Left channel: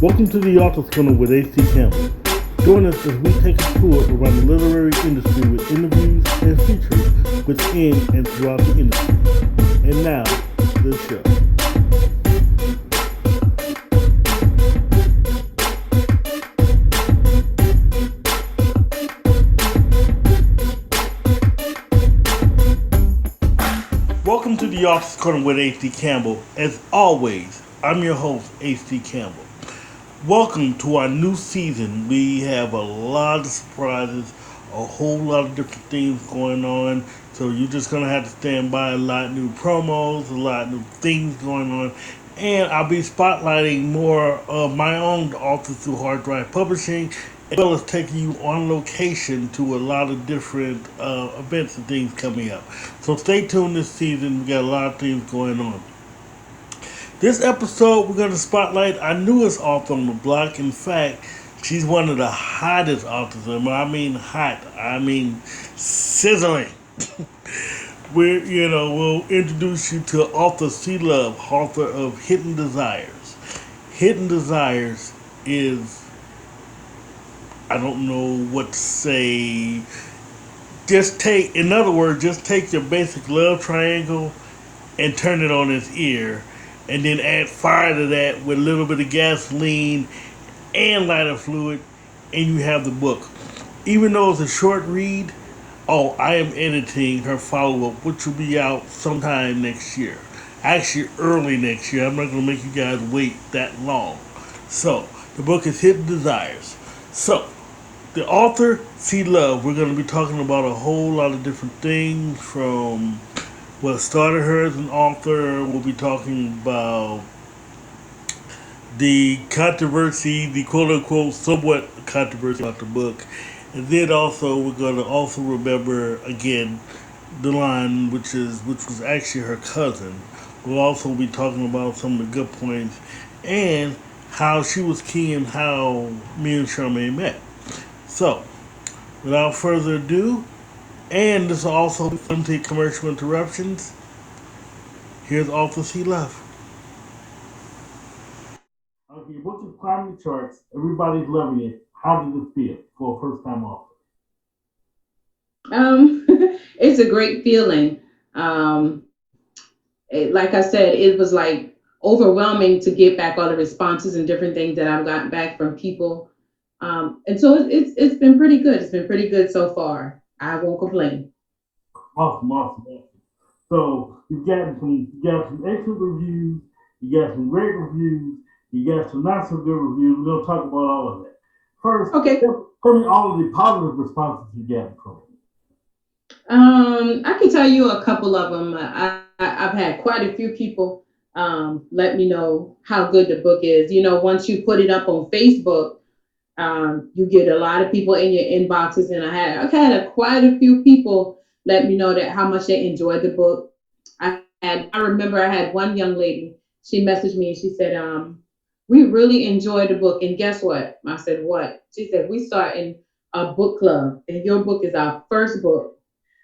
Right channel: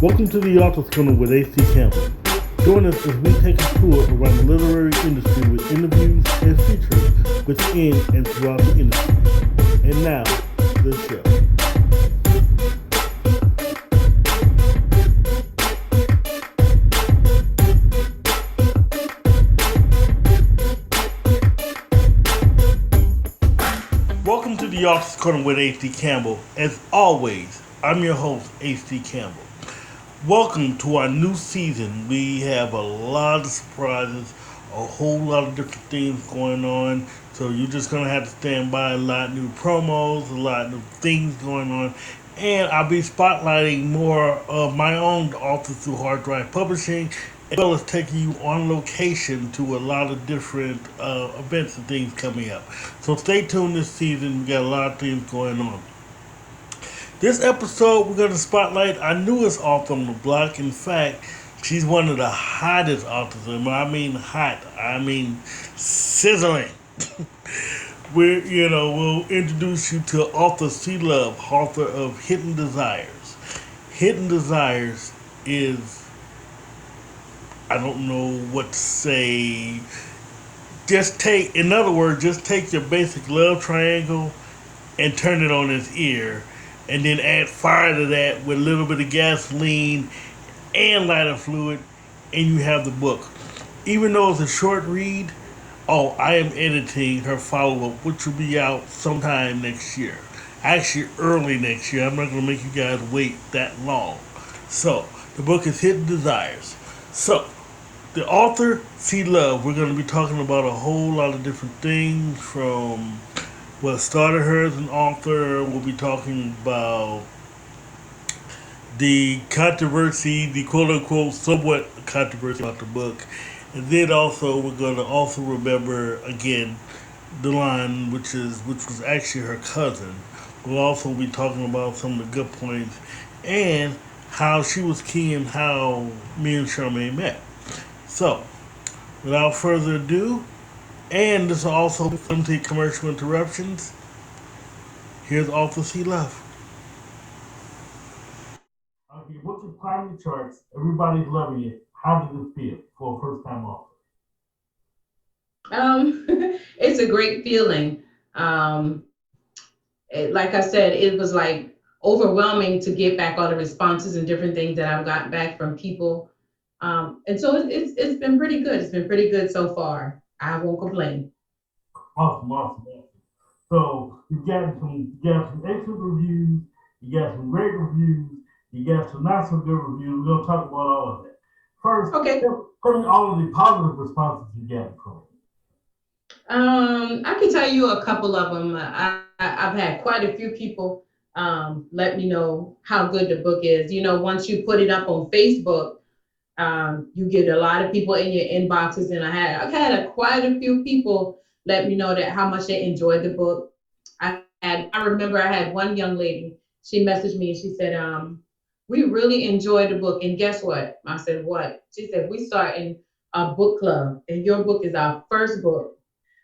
Welcome to the Author's Corner with A.C. Campbell. Join us as we take a tour around the literary industry with interviews and features within and throughout the industry. And now, the show. Welcome to the Author's Corner with A.C. Campbell. As always, I'm your host, A.C. Campbell. Welcome to our new season. We have a lot of surprises, a whole lot of different things going on. So you're just going to have to stand by. A lot of new promos, a lot of new things going on. And I'll be spotlighting more of my own authors through Hard Drive Publishing, as well as taking you on location to a lot of different events and things coming up. So stay tuned this season. We got a lot of things going on. This episode, we're going to spotlight our newest author on the block. In fact, she's one of the hottest authors. And when I mean hot, I mean sizzling. We'll introduce you to author C. Love, author of Hidden Desires. Hidden Desires is, I don't know what to say. In other words, just take your basic love triangle and turn it on its ear. And then add fire to that with a little bit of gasoline and lighter fluid, and you have the book. Even though it's a short read, I am editing her follow-up, which will be out sometime next year. Actually, early next year. I'm not going to make you guys wait that long. So, the book is Hidden Desires. So, the author, C. Love, we're going to be talking about a whole lot of different things from what started her as an author. We'll be talking about the controversy, the quote-unquote somewhat controversy about the book. And then also we're going to also remember, again, Delon, which was actually her cousin. We'll also be talking about some of the good points and how she was key in how me and Charmaine met. So, without further ado, and this will also limited commercial interruptions. Here's author C. Love. Okay, your book is climbing the charts. Everybody's loving it. How did it feel for a first-time author? It's a great feeling. Like I said, it was like overwhelming to get back all the responses and different things that I've gotten back from people. And so it's been pretty good. It's been pretty good so far. I won't complain. Awesome. So you got some excellent reviews, you got some great reviews, you got some not so good reviews. We're gonna talk about all of that. First, okay. Tell me all of the positive responses you got from it. I can tell you a couple of them. I've had quite a few people let me know how good the book is. You know, once you put it up on Facebook, you get a lot of people in your inboxes, and I've had quite a few people let me know that how much they enjoyed the book. I remember I had one young lady, she messaged me and she said, we really enjoyed the book. And guess what? I said, what? She said, we starting a book club and your book is our first book.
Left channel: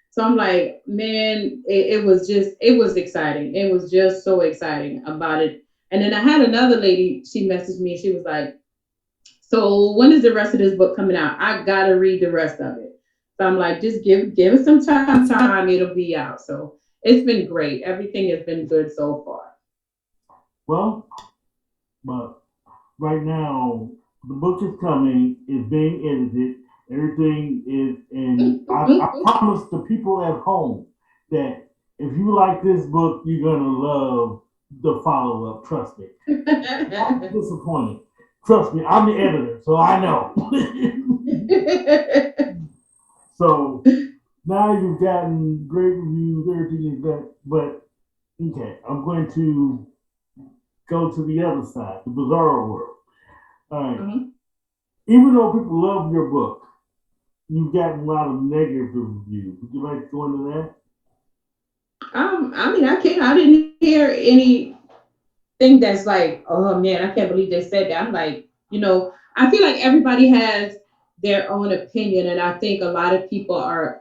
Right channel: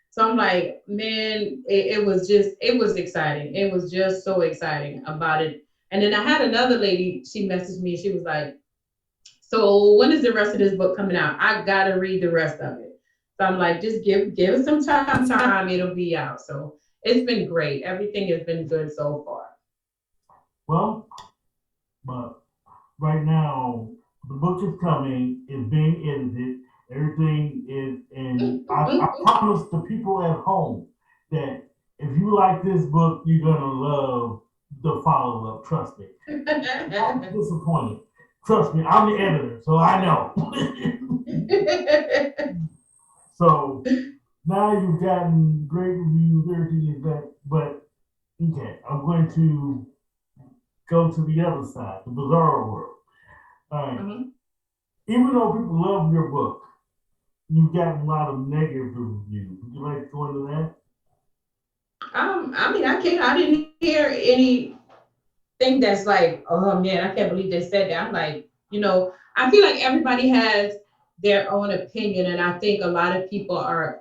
So I'm like, man, it was exciting. It was just so exciting about it. And then I had another lady, she messaged me and she was like, so when is the rest of this book coming out? I gotta read the rest of it. So I'm like, just give it some time, it'll be out. So it's been great. Everything has been good so far. Well, but right now the book is coming, it's being edited, everything is, and I promise the people at home that if you like this book, you're gonna love the follow-up. Trust me. I'm disappointed. Trust me, I'm the editor, so I know. So now you've gotten great reviews, everything is that, but okay, I'm going to go to the other side, the bizarre world. All right. Mm-hmm. Even though people love your book, you've gotten a lot of negative reviews. Would you like to go into that? I mean, I didn't hear anything that's like, oh man, I can't believe they said that. I'm like, I feel like everybody has their own opinion, and I think a lot of people are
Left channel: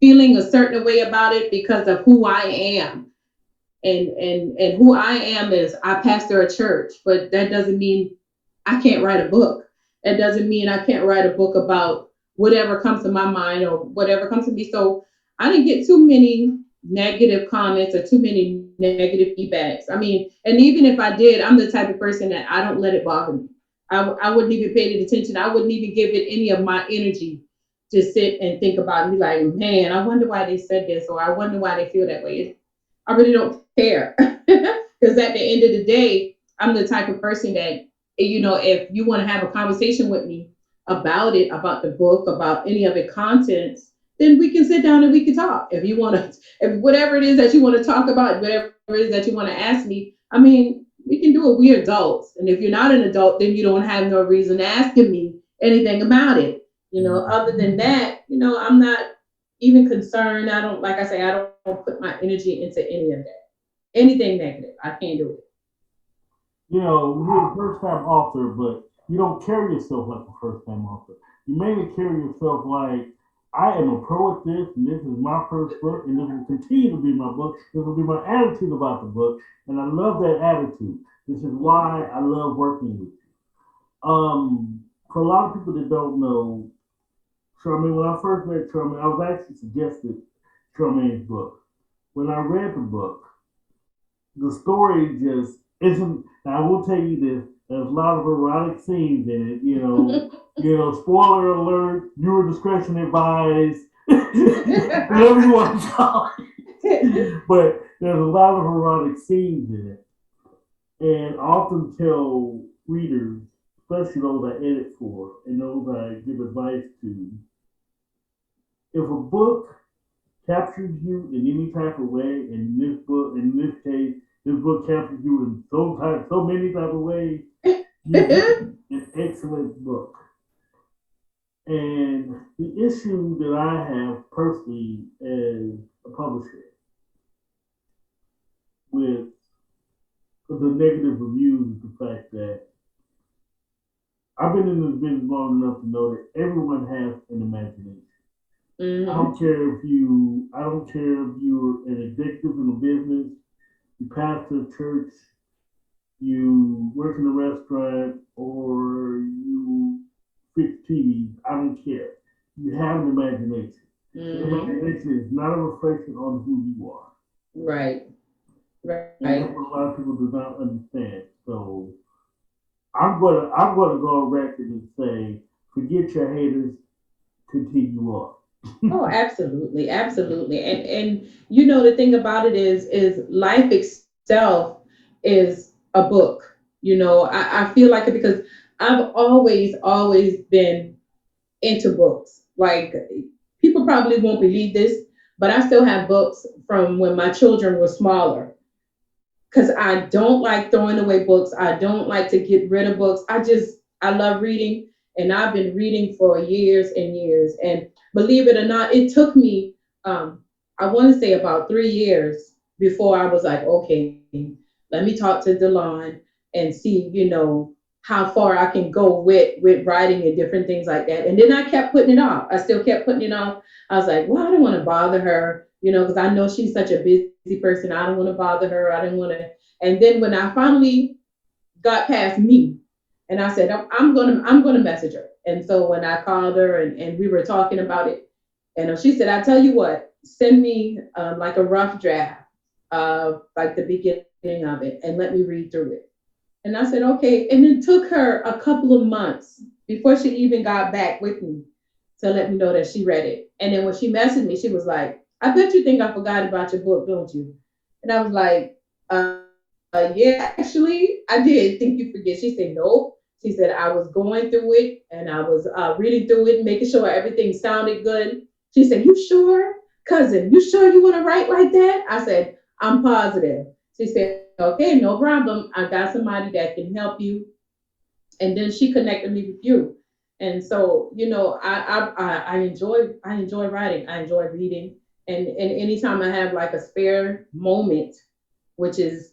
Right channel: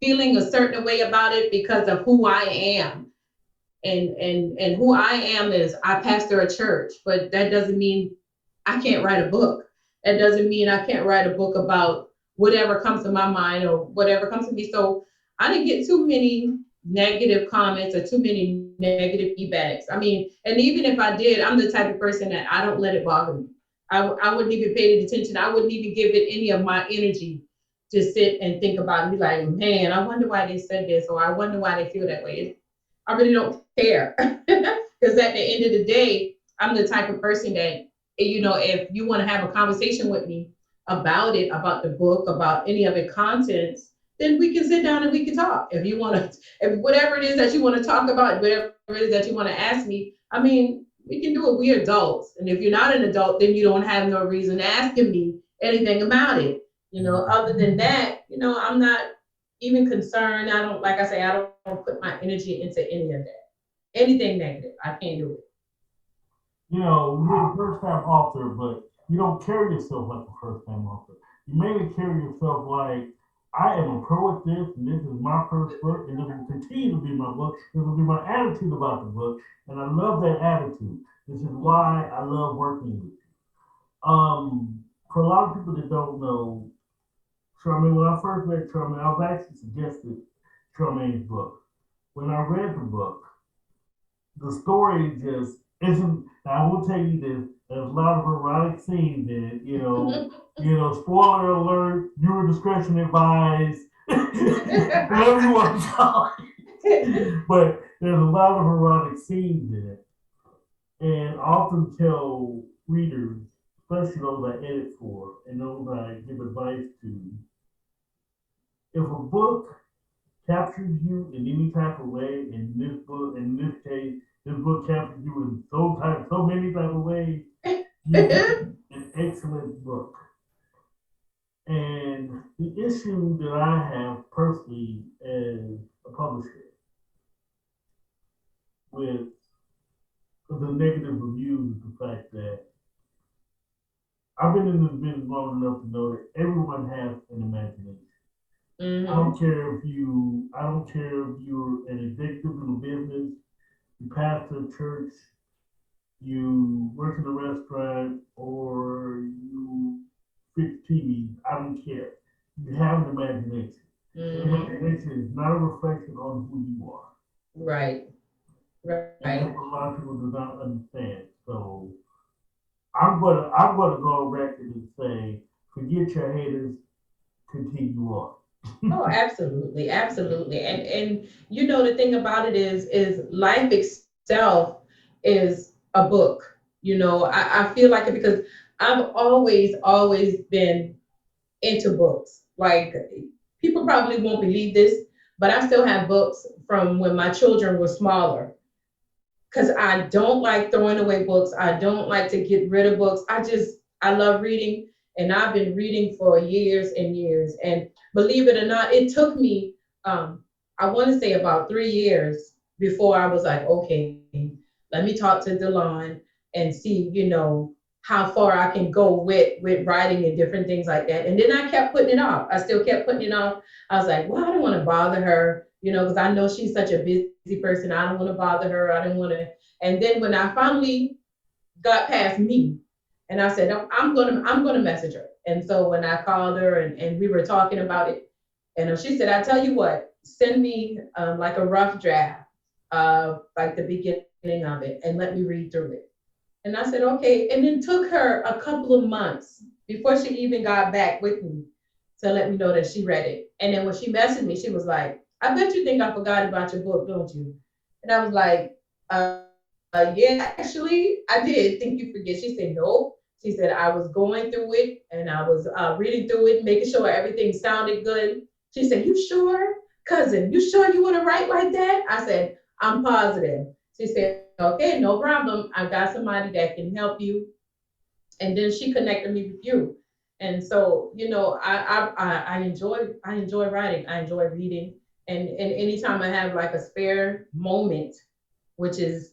feeling a certain way about it because of who I am. And who I am is I pastor a church, but that doesn't mean I can't write a book. That doesn't mean I can't write a book about whatever comes to my mind or whatever comes to me. So I didn't get too many negative comments or too many negative feedbacks. I mean, and even if I did, I'm the type of person that I don't let it bother me. I wouldn't even pay it attention. I wouldn't even give it any of my energy to sit and think about and be like, man, I wonder why they said this, or I wonder why they feel that way. I really don't care. Because at the end of the day, I'm the type of person that, if you want to have a conversation with me about it, about the book, about any of it contents, then we can sit down and we can talk. If you want to, if whatever it is that you want to talk about, whatever it is that you want to ask me, I mean, we can do it. We're adults. And if you're not an adult, then you don't have no reason asking me anything about it. Other than that, I'm not even concerned. I don't, like I say, I don't put my energy into any of that. Anything negative, I can't do it. You're a first time author, but you don't carry yourself like a first time author. You mainly carry yourself like, I am a pro at this, and this is my first book, and this will continue to be my book. This will be my attitude about the book, and I love that attitude. This is why I love working with you. For a lot of people that don't know, Charmaine, when I first read Charmaine, I was actually suggested Charmaine's book. When I read the book, the story just isn't. Now I will tell you this: there's a lot of erotic scenes in it. Spoiler alert: viewer discretion advised. Whatever you want to call it. But there's a lot of erotic scenes in it, and I often tell readers, especially those I edit for and those I give advice to, if a book captures you in any type of way, and in this case, this book captures you in so many type of ways, it's an excellent book. And the issue that I have personally as a publisher with the negative reviews is the fact that I've been in this business long enough to know that everyone has an imagination. Mm-hmm. I don't care if you're an executive in a business, you pastor a church, you work in a restaurant, or you fix TVs. I don't care. You have an imagination. Mm-hmm. The imagination is not a reflection on who you are. Right. And that's what a lot of people do not understand. So I'm gonna go on record and say, forget your haters, continue on. Oh, absolutely, absolutely. And the thing about it is life itself is a book. I feel like it because I've always been into books. Like, people probably won't believe this, but I still have books from when my children were smaller. Because I don't like throwing away books. I don't like to get rid of books. I love reading, and I've been reading for years and years. And believe it or not, it took me, I want to say about 3 years before I was like, okay, let me talk to Delon and see, how far I can go with writing and different things like that. And then I kept putting it off. I still kept putting it off. I was like, well, I don't want to bother her, because I know she's such a busy person. I don't want to bother her. I don't want to. And then when I finally got past me, and I said, I'm gonna message her. And so when I called her and we were talking about it, and she said, I tell you what, send me like a rough draft of like the beginning of it and let me read through it. And I said, okay. And it took her a couple of months before she even got back with me to let me know that she read it. And then when she messaged me, she was like, I bet you think I forgot about your book, don't you? And I was like, yeah, actually, I did think you forget. She said, nope. She said, I was going through it and I was reading through it, making sure everything sounded good. She said, you sure? Cousin, you sure you want to write like that? I said, I'm positive. She said, okay, no problem. I got somebody that can help you. And then she connected me with you. And so, I enjoy writing. I enjoy reading. And anytime I have like a spare moment, which is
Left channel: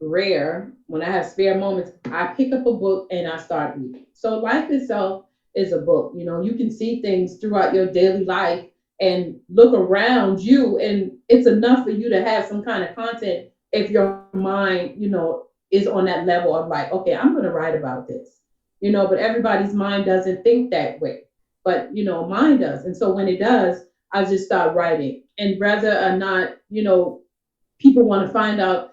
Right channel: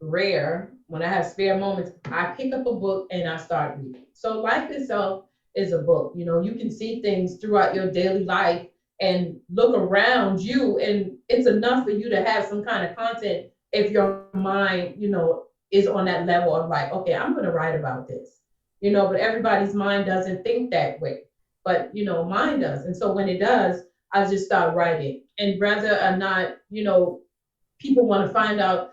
rare, when I have spare moments, I pick up a book and I start reading. So life itself is a book. You can see things throughout your daily life and look around you, and it's enough for you to have some kind of content if your mind, is on that level of like, okay, I'm going to write about this, you know, but everybody's mind doesn't think that way. But, you know, mine does. And so when it does, I just start writing. And whether or not, you know, people want to find out,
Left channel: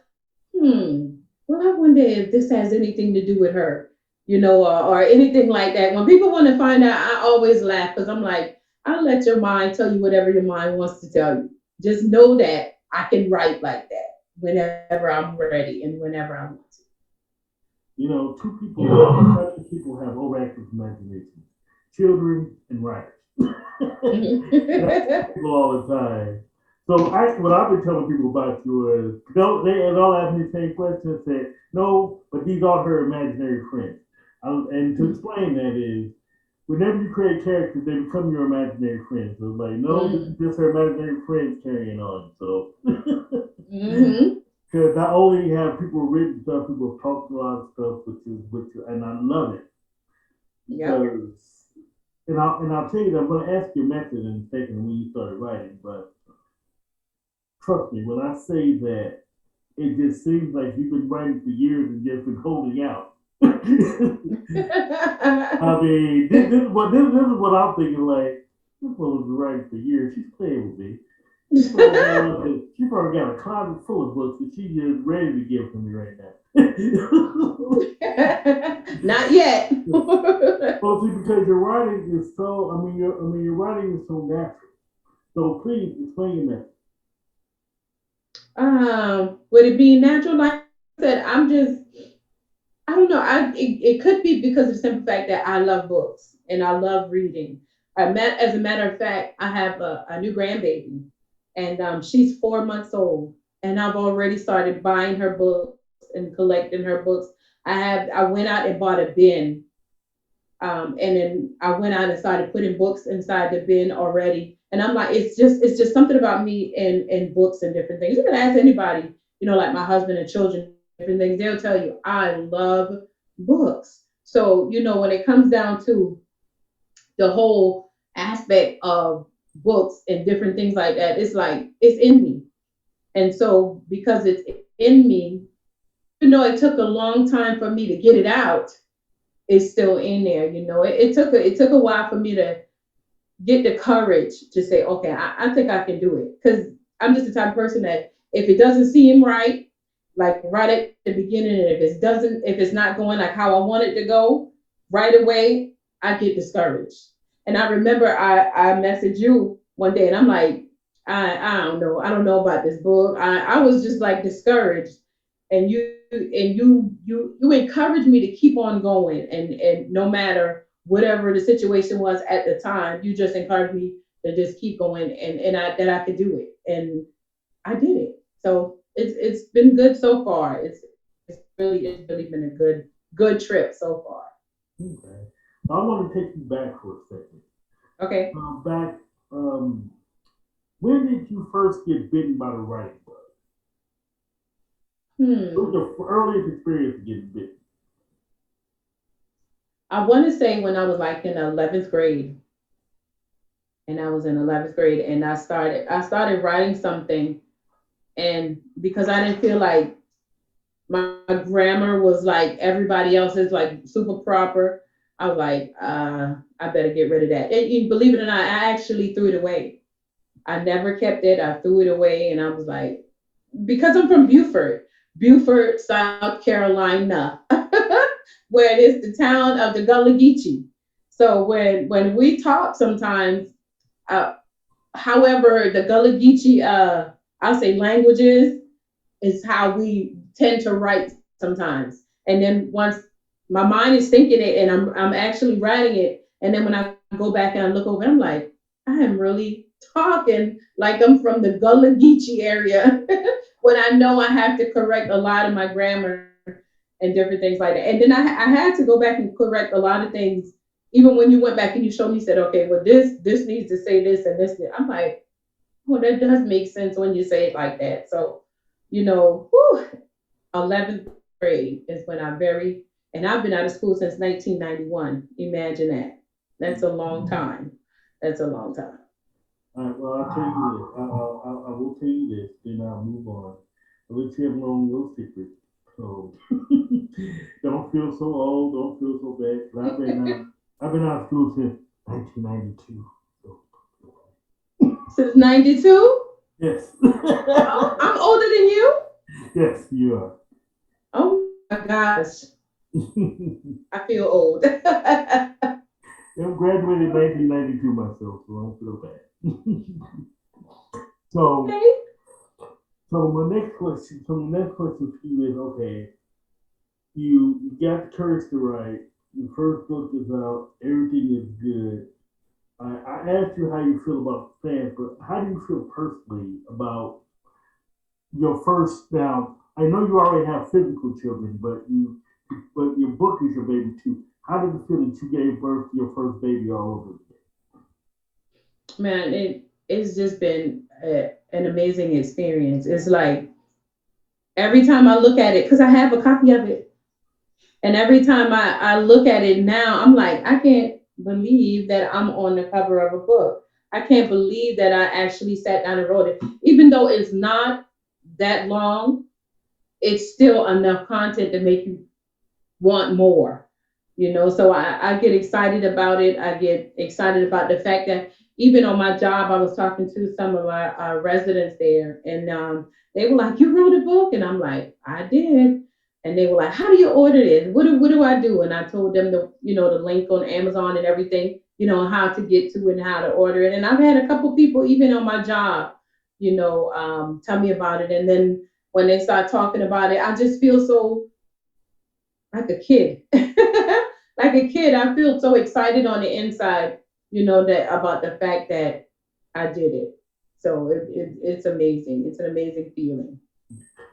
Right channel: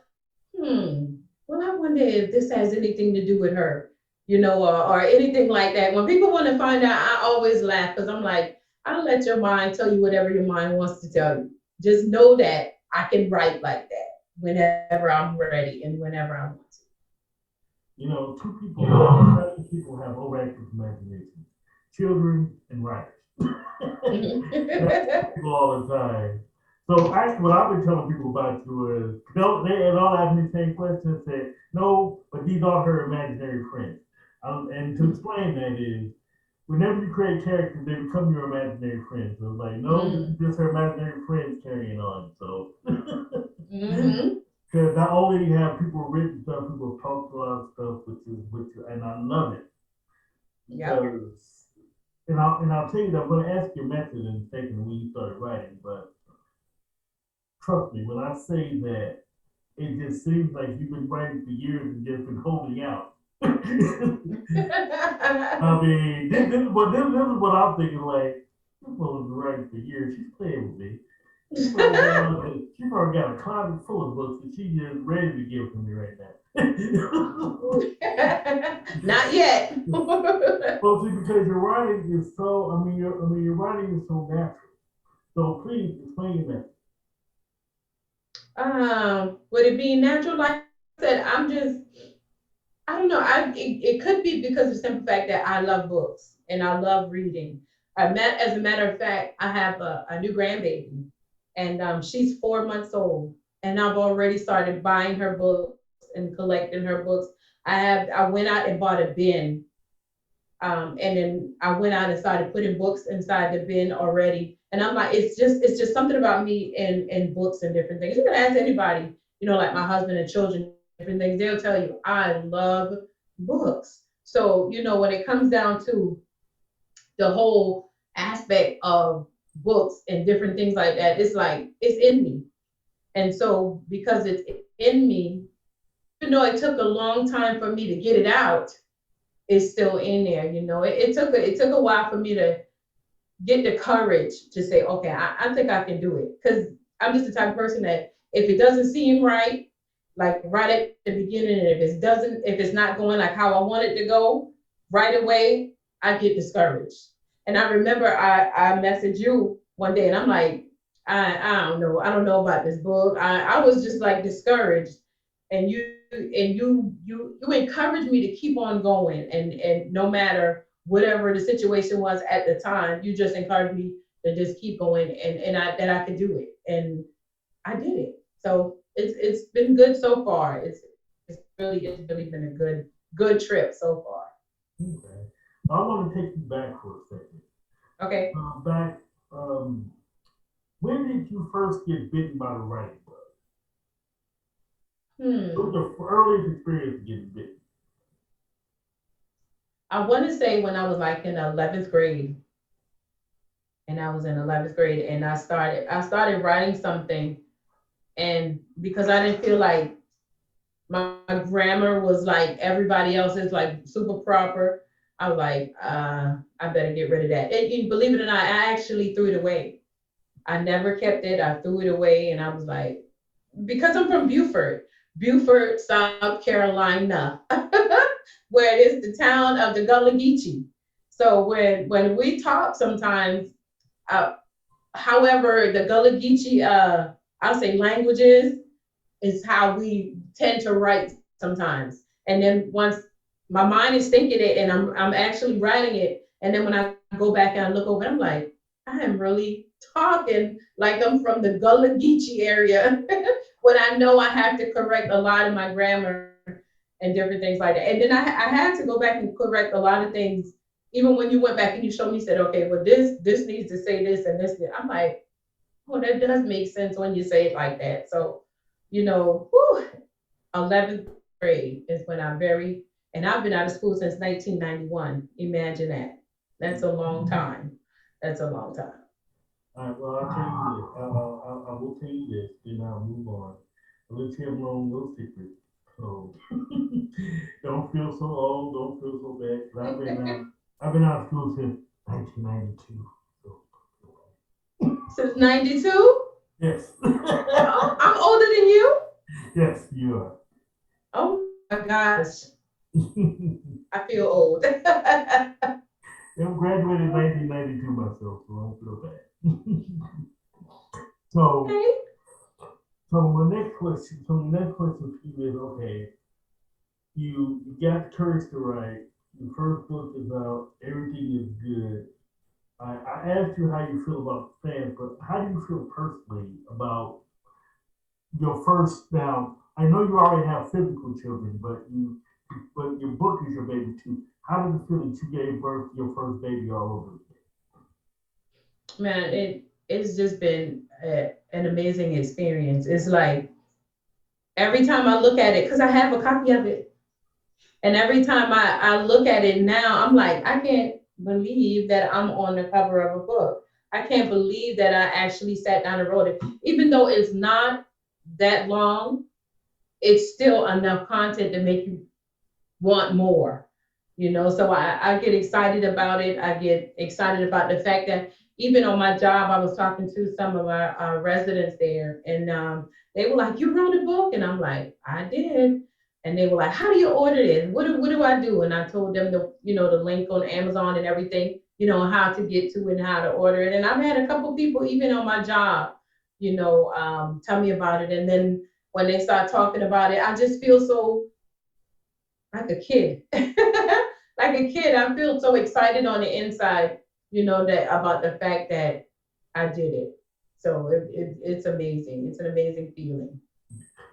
well, I wonder if this has anything to do with her, you know, or anything like that. When people want to find out, I always laugh because I'm like, I'll let your mind tell you whatever your mind wants to tell you. Just know that I can write like that whenever I'm ready and whenever I want to. You know, two people have overactive imagination: children and writers. And I tell people all the time. So actually, what I've been telling people about you is, they all ask me the same question and say, no, but these are her imaginary friends. And to explain that is, whenever you create characters, they become your imaginary friends. So it's like, no, this is just her imaginary friends carrying on. So, Mm-hmm. because not only have people written stuff, people have talked a lot of stuff, and I love it Yep. because, and I'll tell you that I'm going to ask your method in a second when you started writing, but trust me when I say that it just seems like you've been writing for years and just been holding out. I mean, this is what I'm thinking. Like, this one was writing for years. She's playing with me. She probably got a closet full of books that she just ready to give to me right now. Not yet. Well, see, because your writing is so, your writing is so natural. So please explain your method. Would it be natural? Like I said, I don't know. It could be because of the simple fact that I love books and I love reading. As a matter of fact, I have a new grandbaby, and she's 4 months old, and I've already started buying her books and collecting her books. I went out and bought a bin, and then I went out and started putting books inside the bin already. And I'm like, it's just something about me and books and different things. You can ask anybody, you know, like my husband and children, different things. They'll tell you I love books. So you know, when it comes down to the whole aspect of books and different things like that, it's like it's in me. And so because it's in me, even though it took a long time for me to get it out, it's still in there. You know, it took a while for me to get the courage to say, okay, I think I can do it. Because I'm just the type of person that if it doesn't seem right, like right at the beginning, and if it's not going like how I want it to go right away, I get discouraged. And I remember I messaged you one day and I'm like, I don't know. I don't know about this book. I was just like discouraged. And you encouraged me to keep on going, and no matter whatever the situation was at the time, you just encouraged me to just keep going, and I that I could do it, and I did it. So it's been good so far. It's really been a good trip so far. Okay. I want to take you back for a second. Okay. Back, um, when did you first get bitten by the writing bug? What Hmm. was the earliest experience of getting bitten? I want to say when I was like in 11th grade, and I was in 11th grade, and I started writing something, and because I didn't feel like my grammar was like everybody else's, like super proper. I was like, I better get rid of that. Believe it or not, I actually threw it away. I never kept it. I threw it away, and I was like, because I'm from Beaufort, South Carolina, where it is the town of the Gullah Geechee. So when we talk sometimes, uh, however, the Gullah Geechee, I'll say languages is how we tend to write sometimes. And then once my mind is thinking it and I'm actually writing it, and then when I go back and I look over, I'm like, I am really talking like I'm from the Gullah Geechee area when I know I have to correct a lot of my grammar and different things like that. And then I had to go back and correct a lot of things. Even when you went back and you showed me, said, okay, well, this needs to say this and this. I'm like, oh, that does make sense when you say it like that. So, you know, whew, 11th grade is when and I've been out of school since 1991. Imagine that. That's a long time. That's a long time. All right, well, I'll tell you this. I will tell you this, then I'll move on. I'll let you have my own little secret. So don't feel so old. Don't feel so bad. 'Cause I've been out of school since 1992. So Since 92? yes, Oh, I'm older than you? yes, you are. Oh my gosh. I feel old. I graduated in 1992 myself, so I don't feel bad. so, Okay. so my next question for you is, okay, you got the courage to write. Your first book is out. Everything is good. I asked you how you feel about fans, but how do you feel personally about your first? Now, I know you already have physical children, but your book is your baby too. How did it feel that you gave birth to your first baby all over again? Man, it's just been an amazing experience. It's like every time I look at it, because I have a copy of it, and every time I look at it now, I'm like, I can't believe that I'm on the cover of a book. I can't believe that I actually sat down and wrote it. Even though it's not that long, it's still enough content to make you want more, so I get excited about it. I get excited about the fact that even on my job, I was talking to some of my residents there, and they were like, you wrote a book? And I'm like, I did. And they were like, how do you order this? What do I do? And I told them the link on Amazon and everything, and how to get to it and how to order it. And I've had a couple people even on my job, tell me about it. And then when they start talking about it, I just feel so like a kid. Like a kid, I feel so excited on the inside, that about the fact that I did it. So it's amazing. It's an amazing feeling.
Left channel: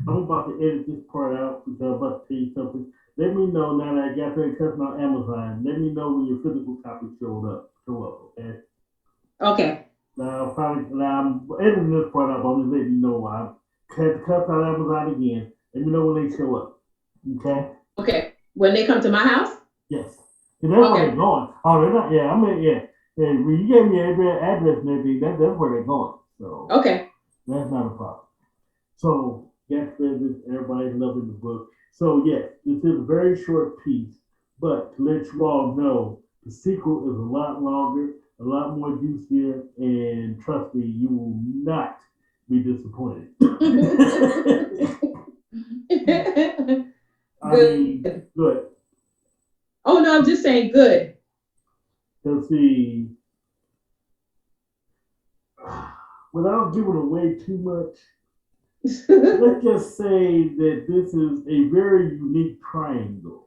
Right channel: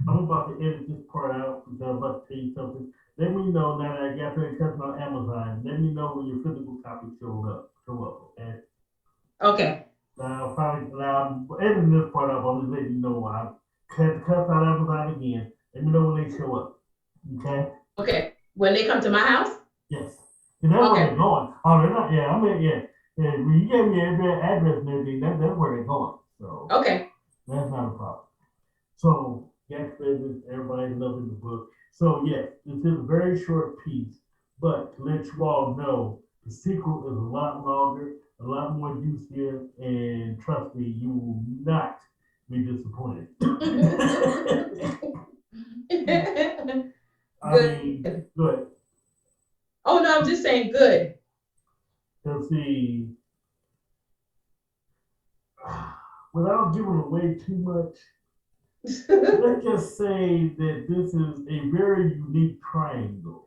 I'm about to edit this part out because I'm about to tell you something. Let me know now that I got that customer on Amazon. Let me know when your physical copy show up, okay? Okay. Now I'm editing this part up. I'm just letting you know I had to cut out Amazon again. Let me know when they show up, okay? Okay. When they come to my house? Yes, and that's where Okay. they're going. Oh, they're not. Yeah, I mean, yeah. Yeah, when you gave me address and everything, that's where they're going. So Okay. that's not a problem. So, yes, business, everybody's loving the book. So, yes, this is a very short piece, but to let you all know, the sequel is a lot longer, a lot more juicier, and trust me, you will not be disappointed. I mean, Good. good. Oh no, I'm just saying good. Let's see, without giving away too much, let's just say that this is a very unique triangle.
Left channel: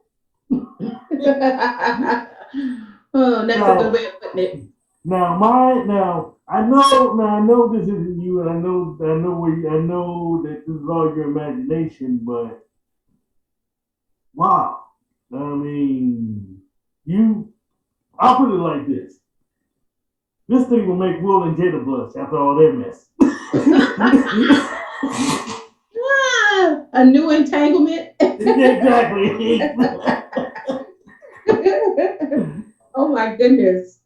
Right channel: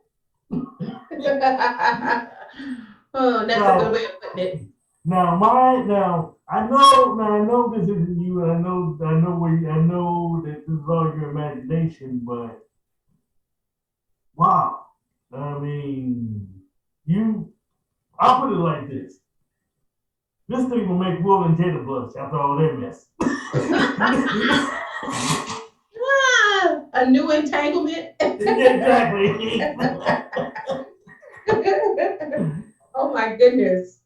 Oh, that's a good Now, way of putting it. I know this isn't you, and I know that this is all your imagination, but wow, I mean, you. I'll put it like this: this thing will make Will and Jada blush after all their mess. A new entanglement. Yeah, exactly. Oh my goodness.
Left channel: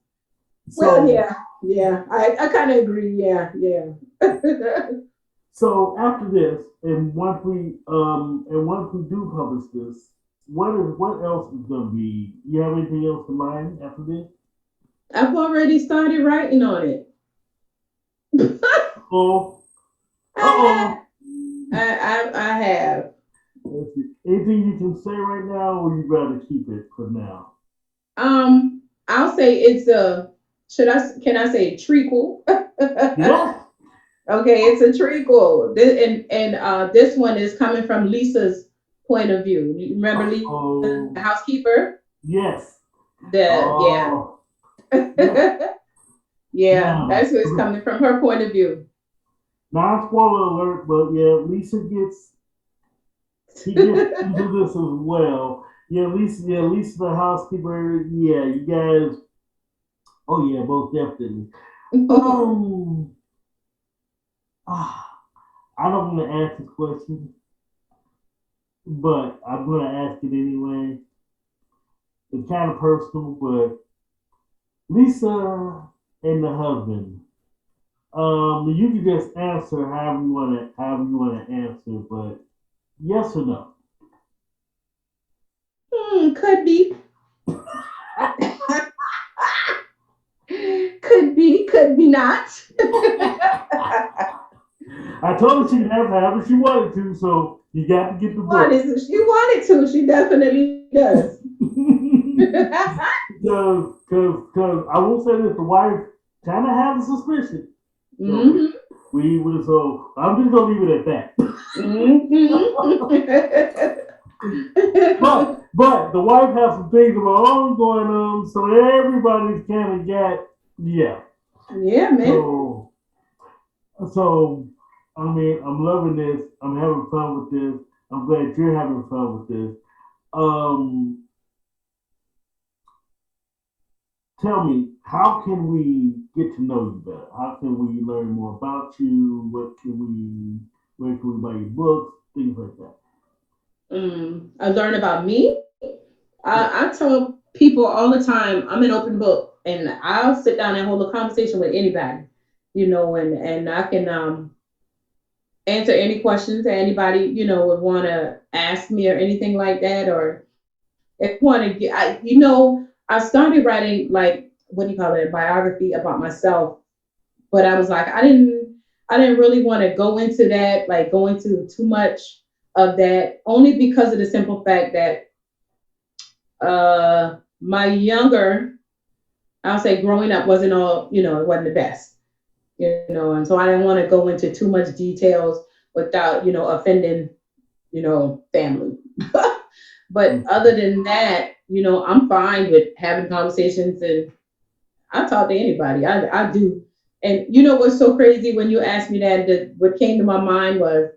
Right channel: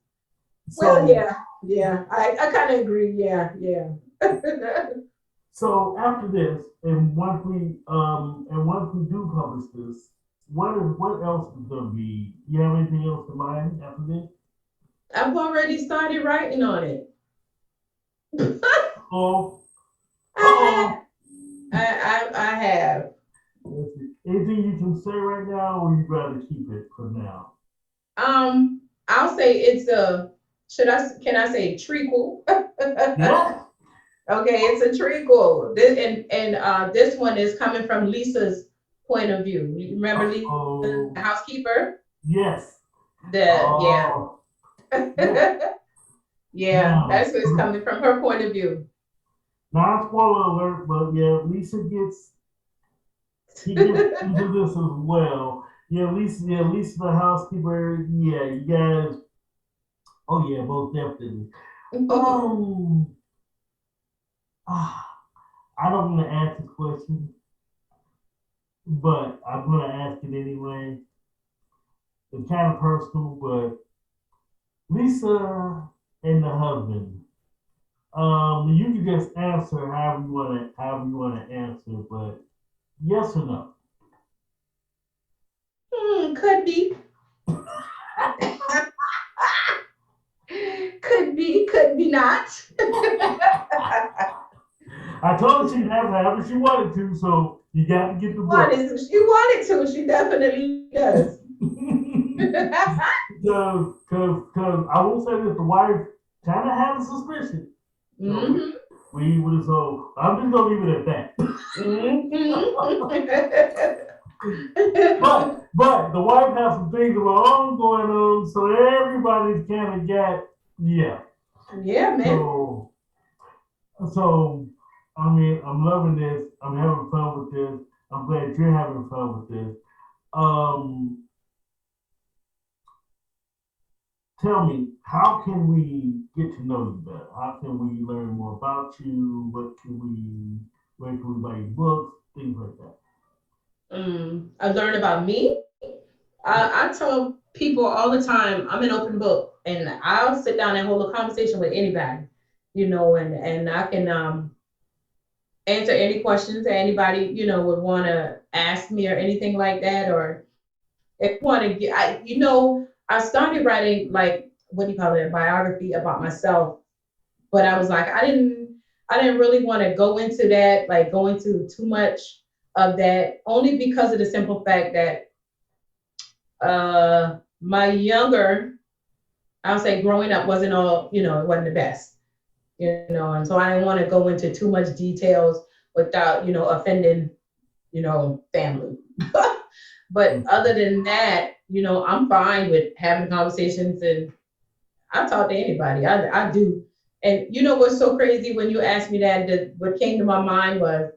Well, so, yeah. I kind of agree. Yeah, yeah. so after this, and once we do publish this, what else is gonna be? You have anything else in mind after this? I've already started writing on it. Oh, I uh-oh. have. I have. Let's see. Anything you can say right now, or you'd rather keep it for now? Um, I'll say it's a. Can I say trequel? Yes. Okay, it's a trequel. And this one is coming from Lisa's point of view. You remember Lisa, the Oh, housekeeper? yes. The yeah. Oh, yeah. Yeah, Now, that's what's coming from her point of view. not spoiler alert, but yeah, he gets into this as well. Lisa the housekeeper. Yeah, you guys. Oh yeah, most definitely. Um, ah, I don't want to ask this question, but I'm gonna ask it anyway. It's kind of personal, but Lisa and the husband. You can just answer however you want to answer, but yes or no? Could be. Could be not. I told her she could have however she wanted to, so you got to get the book. She wanted to. She definitely does. Because I will say this, the wife kind of has a suspicion. So so I'm just gonna leave it at that. but the wife has some things of her own going on, so everybody's kind of got yeah, man. So I mean, I'm loving this. I'm having fun with this. I'm glad you're having fun with this. Tell me, how can we get to know you better? How can we learn more about you? Where can we buy your books? Things like that. I learn about me. I tell people all the time, I'm an open book, and I'll sit down and hold a conversation with anybody, and I can answer any questions that anybody, would want to ask me or anything like that. Or if you want to get, I started writing, like, what do you call it, a biography about myself, but I was like, I didn't really want to go into that, like go into too much of that, only because of the simple fact that my younger, I'll say growing up wasn't all, it wasn't the best, and so I didn't want to go into too much details without, offending, family. But other than that, I'm fine with having conversations, and I talk to anybody. I do. And what's so crazy when you asked me that what came to my mind was,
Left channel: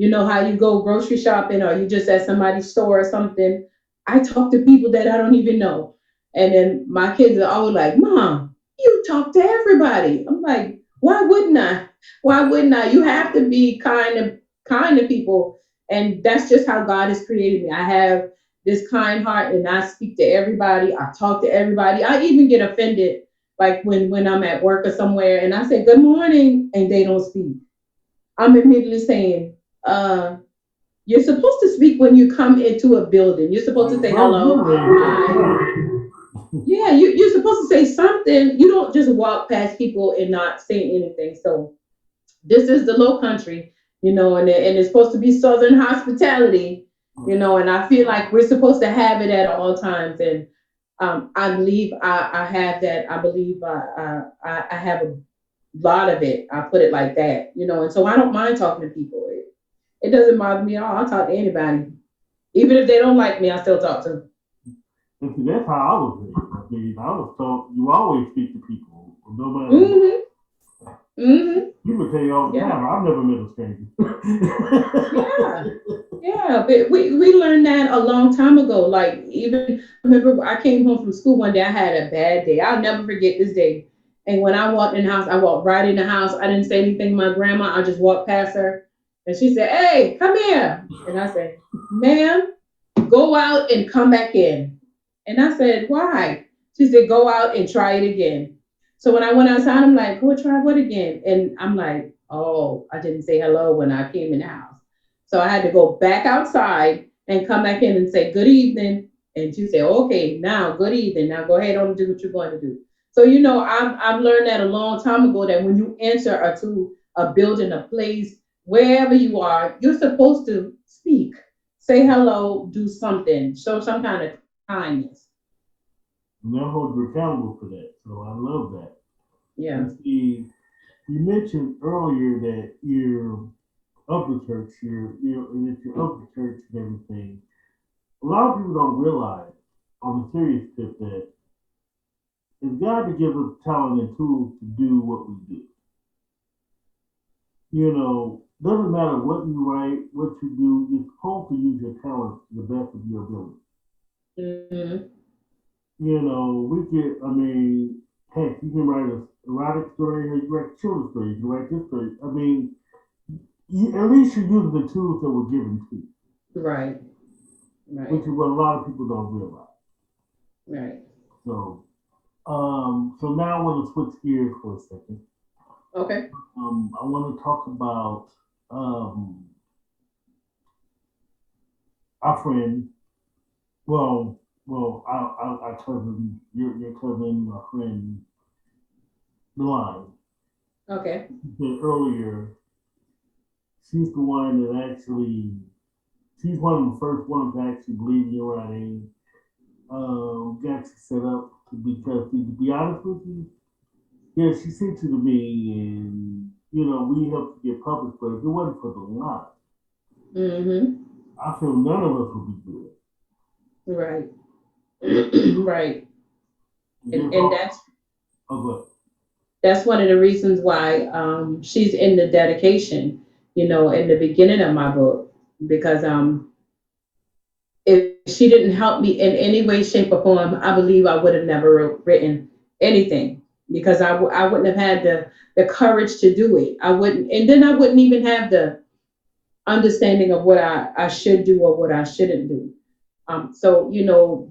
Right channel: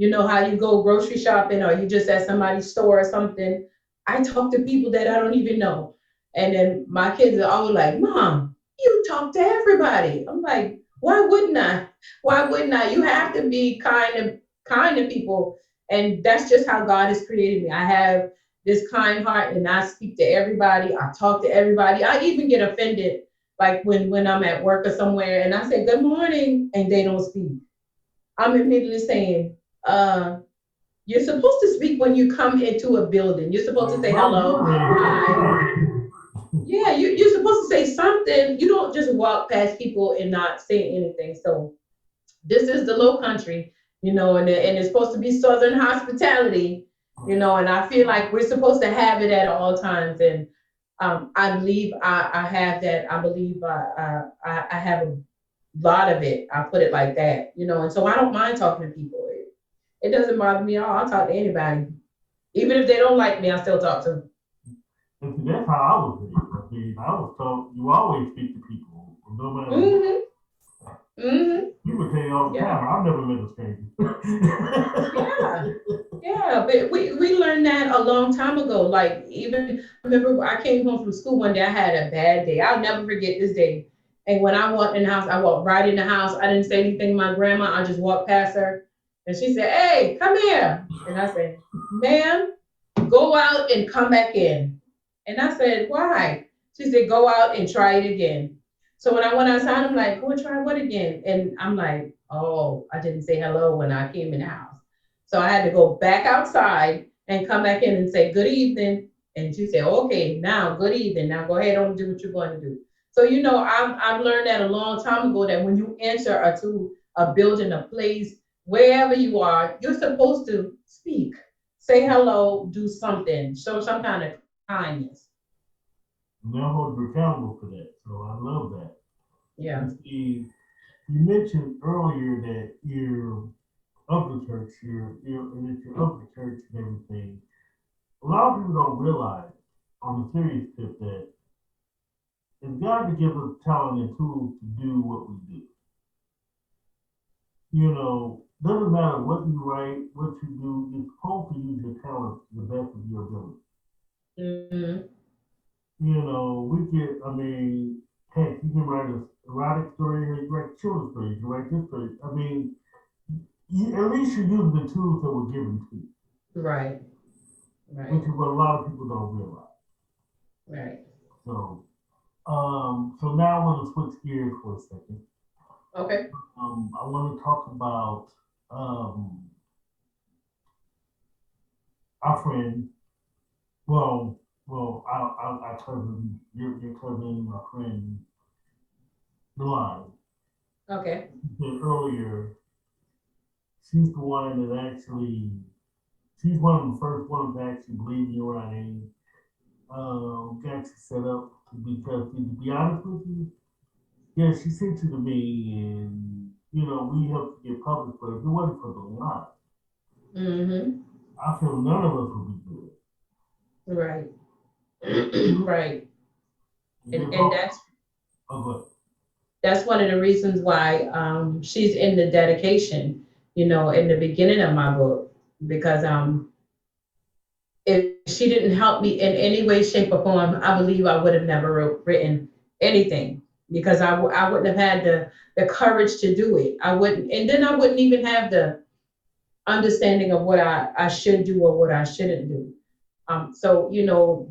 how you go grocery shopping or you just at somebody's store or something. I talk to people that I don't even know. And then my kids are always like, Mom, you talk to everybody. I'm like, why wouldn't I? Why wouldn't I? You have to be kind to people. And that's just how God has created me. I have this kind heart, and I speak to everybody. I talk to everybody. I even get offended, like when I'm at work or somewhere and I say, good morning, and they don't speak. I'm immediately saying, you're supposed to speak when you come into a building. You're supposed to say hello. Hi. Yeah, you're supposed to say something. You don't just walk past people and not say anything. So this is the Low Country, and it's supposed to be Southern hospitality, and I feel like we're supposed to have it at all times. And I believe I have that. I believe I have a lot of it. I put it like that, and so I don't mind talking to people. It doesn't bother me at all. I'll talk to anybody. Even if they don't like me, I still talk to them. And see, that's how I was raised. I mean, I was taught you always speak to people, no matter what. People tell you all the time, I've never met a stranger. Yeah, but we learned that a long time ago. Like, even, I remember I came home from school one day, I had a bad day. I'll never forget this day. And when I walked in the house, I walked right in the house. I didn't say anything to my grandma. I just walked past her. And she said, hey, come here. And I said, ma'am, go out and come back in. And I said, why? She said, go out and try it again. So when I went outside, I'm like, go try what again? And I'm like, oh, I didn't say hello when I came in the house. So I had to go back outside and come back in and say, good evening. And she said, okay, now, good evening. Now go ahead on and do what you're going to do. So, I've learned that a long time ago, that when you enter to a building, a place, wherever you are, you're supposed to speak, say hello, do something, show some kind of kindness. And they'll hold you accountable for that. So I love that. Yeah. And see, you mentioned earlier that you're of the church, you're of the church and everything. A lot of people don't realize, on a serious tip, that it's God that gives us talent and tools to do what we do. Doesn't matter what you write, what you do, you're supposed to use your talent to the best of your ability. Mm-hmm. Heck, you can write an erotic story, you can write a children's story, you can write this story. I mean, at least you're using the tools that were given to you. Right. Which is what a lot of people don't realize. Right. So now I want to switch gears for a second. Okay. I want to talk about our friend. Well, well, our cousin, your cousin, my friend, Delon, Okay. said earlier, she's the one that actually, she's one of the first ones to actually believe in your writing, got you set up because, to be honest with you, yeah, she sent you to me, and we helped to get published. But if it wasn't for the line, Mm-hmm. I feel none of us would be good. Right. Right. Just And off. that's Oh, good. one of the reasons why she's in the dedication, in the beginning of my book, because if she didn't help me in any way, shape, or form, I believe I would have never written anything, because I wouldn't have had the courage to do it. I wouldn't, and then I wouldn't even have the understanding of what I should do or what I shouldn't do. So,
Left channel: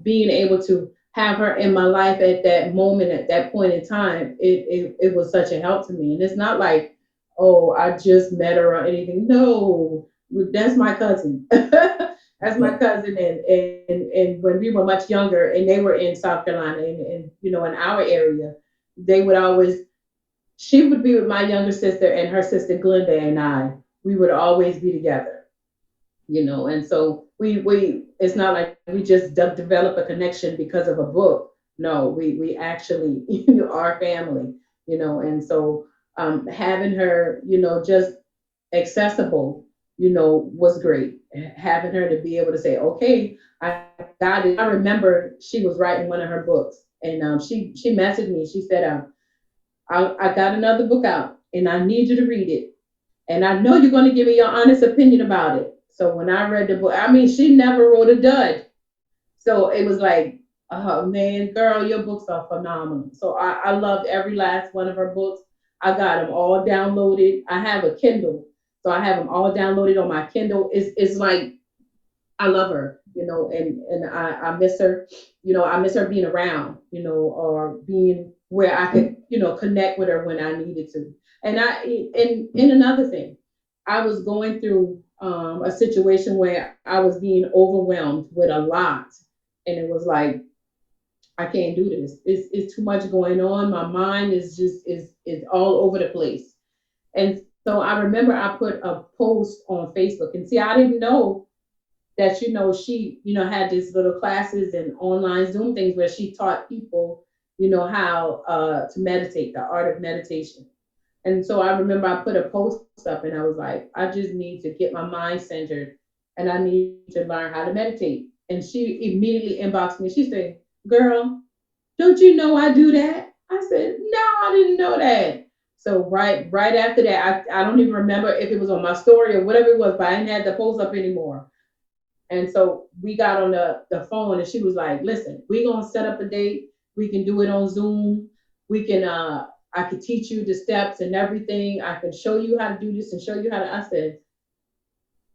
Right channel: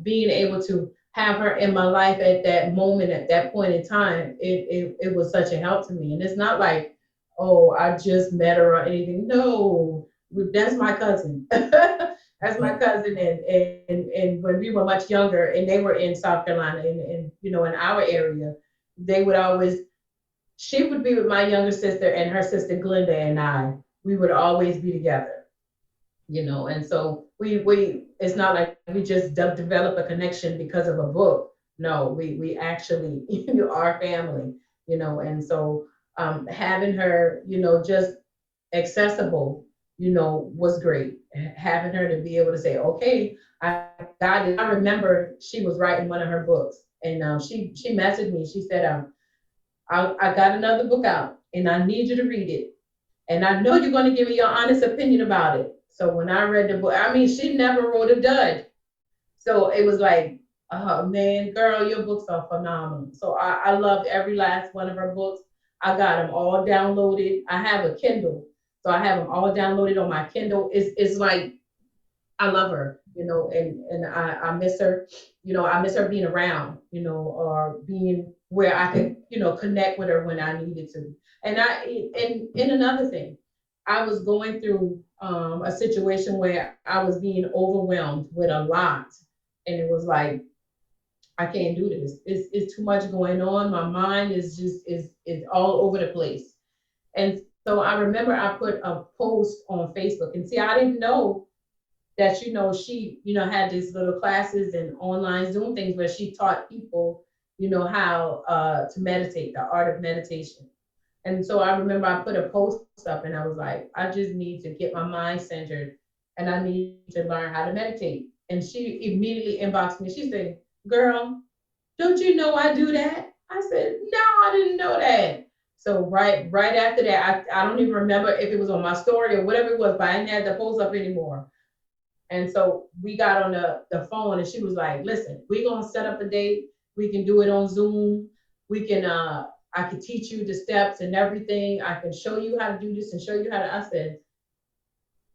being able to have her in my life at that moment, at that point in time, it was such a help to me. And it's not like, oh, I just met her or anything. No, that's my cousin. That's my That, cousin. And when we were much younger and they were in South Carolina and in our area, they would always, she would be with my younger sister and her sister Glenda and we would always be together, and so we it's not like we just develop a connection because of a book. No, we actually are family, and so having her, just accessible, was great. Having her to be able to say, okay, I got it. I remember she was writing one of her books, and she messaged me. She said, I got another book out and I need you to read it, and I know you're going to give me your honest opinion about it. So when I read the book, I mean, she never wrote a dud. So it was like, oh man, girl, your books are phenomenal. So I loved every last one of her books. I got them all downloaded. I have a Kindle, so I have them all downloaded on my Kindle. It's like, I love her, and I miss her. I miss her being around, or being where I could, connect with her when I needed to. And another thing, I was going through a situation where I was being overwhelmed with a lot, and it was like, I can't do this. It's too much going on. My mind is just is all over the place. And so I remember I put a post on Facebook, and see, I didn't know that she had these little classes and online Zoom things where she taught people how to meditate, the art of meditation. And so I remember I put a post up and I was like, I just need to get my mind centered and I need to learn how to meditate. And she immediately inboxed me. She said, girl, don't you know I do that? I said, no, I didn't know that. So right after that, I don't even remember if it was on my story or whatever it was, but I didn't have the post up anymore. And so we got on the phone and she was like, listen, we're going to set up a date. We can do it on Zoom. We can, I could teach you the steps and everything. I can show you how to do this and show you how to, I said,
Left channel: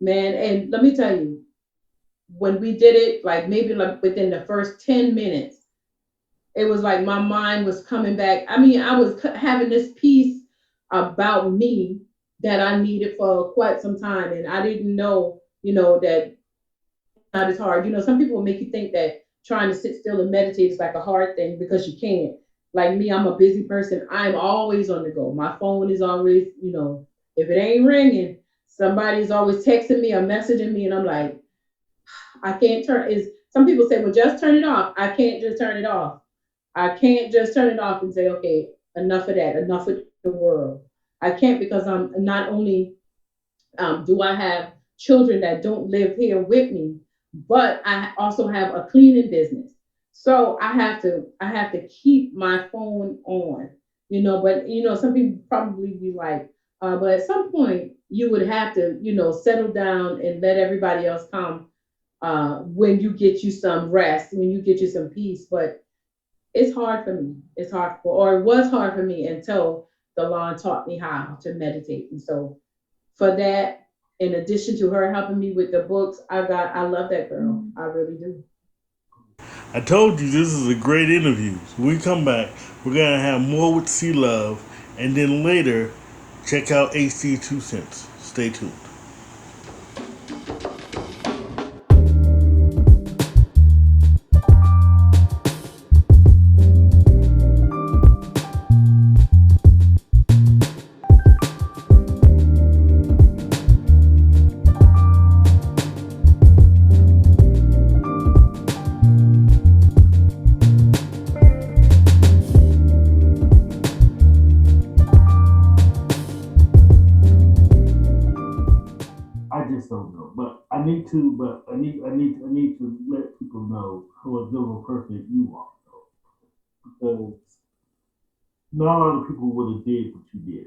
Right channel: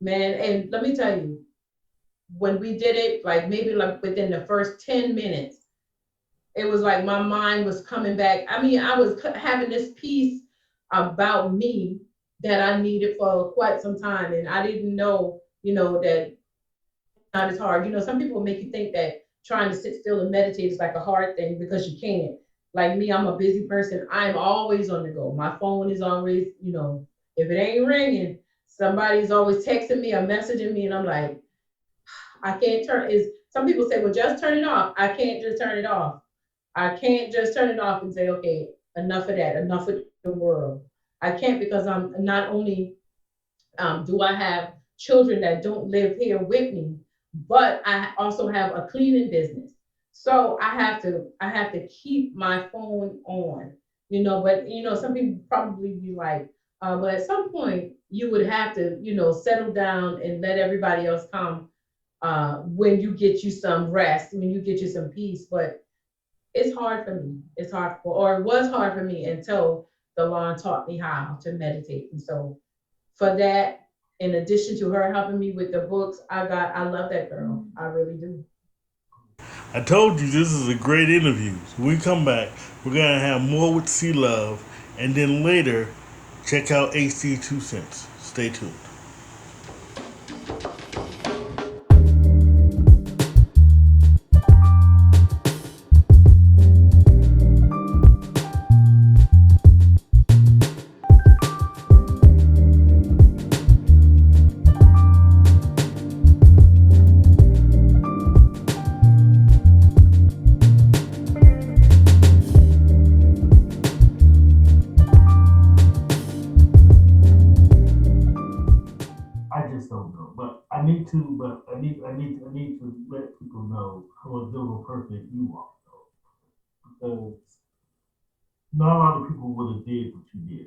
man, and let me tell you, when we did it, like maybe like within the first 10 minutes, it was like my mind was coming back. I mean, I was having this piece about me that I needed for quite some time. And I didn't know, that not as hard. Some people will make you think that trying to sit still and meditate is like a hard thing because you can't. Like me, I'm a busy person. I'm always on the go. My phone is always, if it ain't ringing, somebody's always texting me or messaging me, and I'm like, I can't turn. Is some people say, well, just turn it off. I can't just turn it off. I can't just turn it off and say, okay, enough of that, enough with the world. I can't because I'm not only do I have children that don't live here with me, but I also have a cleaning business. So I have to keep my phone on, but some people probably be like, but at some point you would have to, settle down and let everybody else come when you get you some rest, when you get you some peace. But it's hard for me. It's hard or it was hard for me until Delon taught me how to meditate. And so for that, in addition to her helping me with the books, I love that girl. I really do. I told you this is a great interview. So when we come back, we're gonna have more with C Love, and then later, check out AC 2 Cents. Stay tuned. to, but I need to let people know how a good of a person you are, though, because not a lot of people would have did what you did,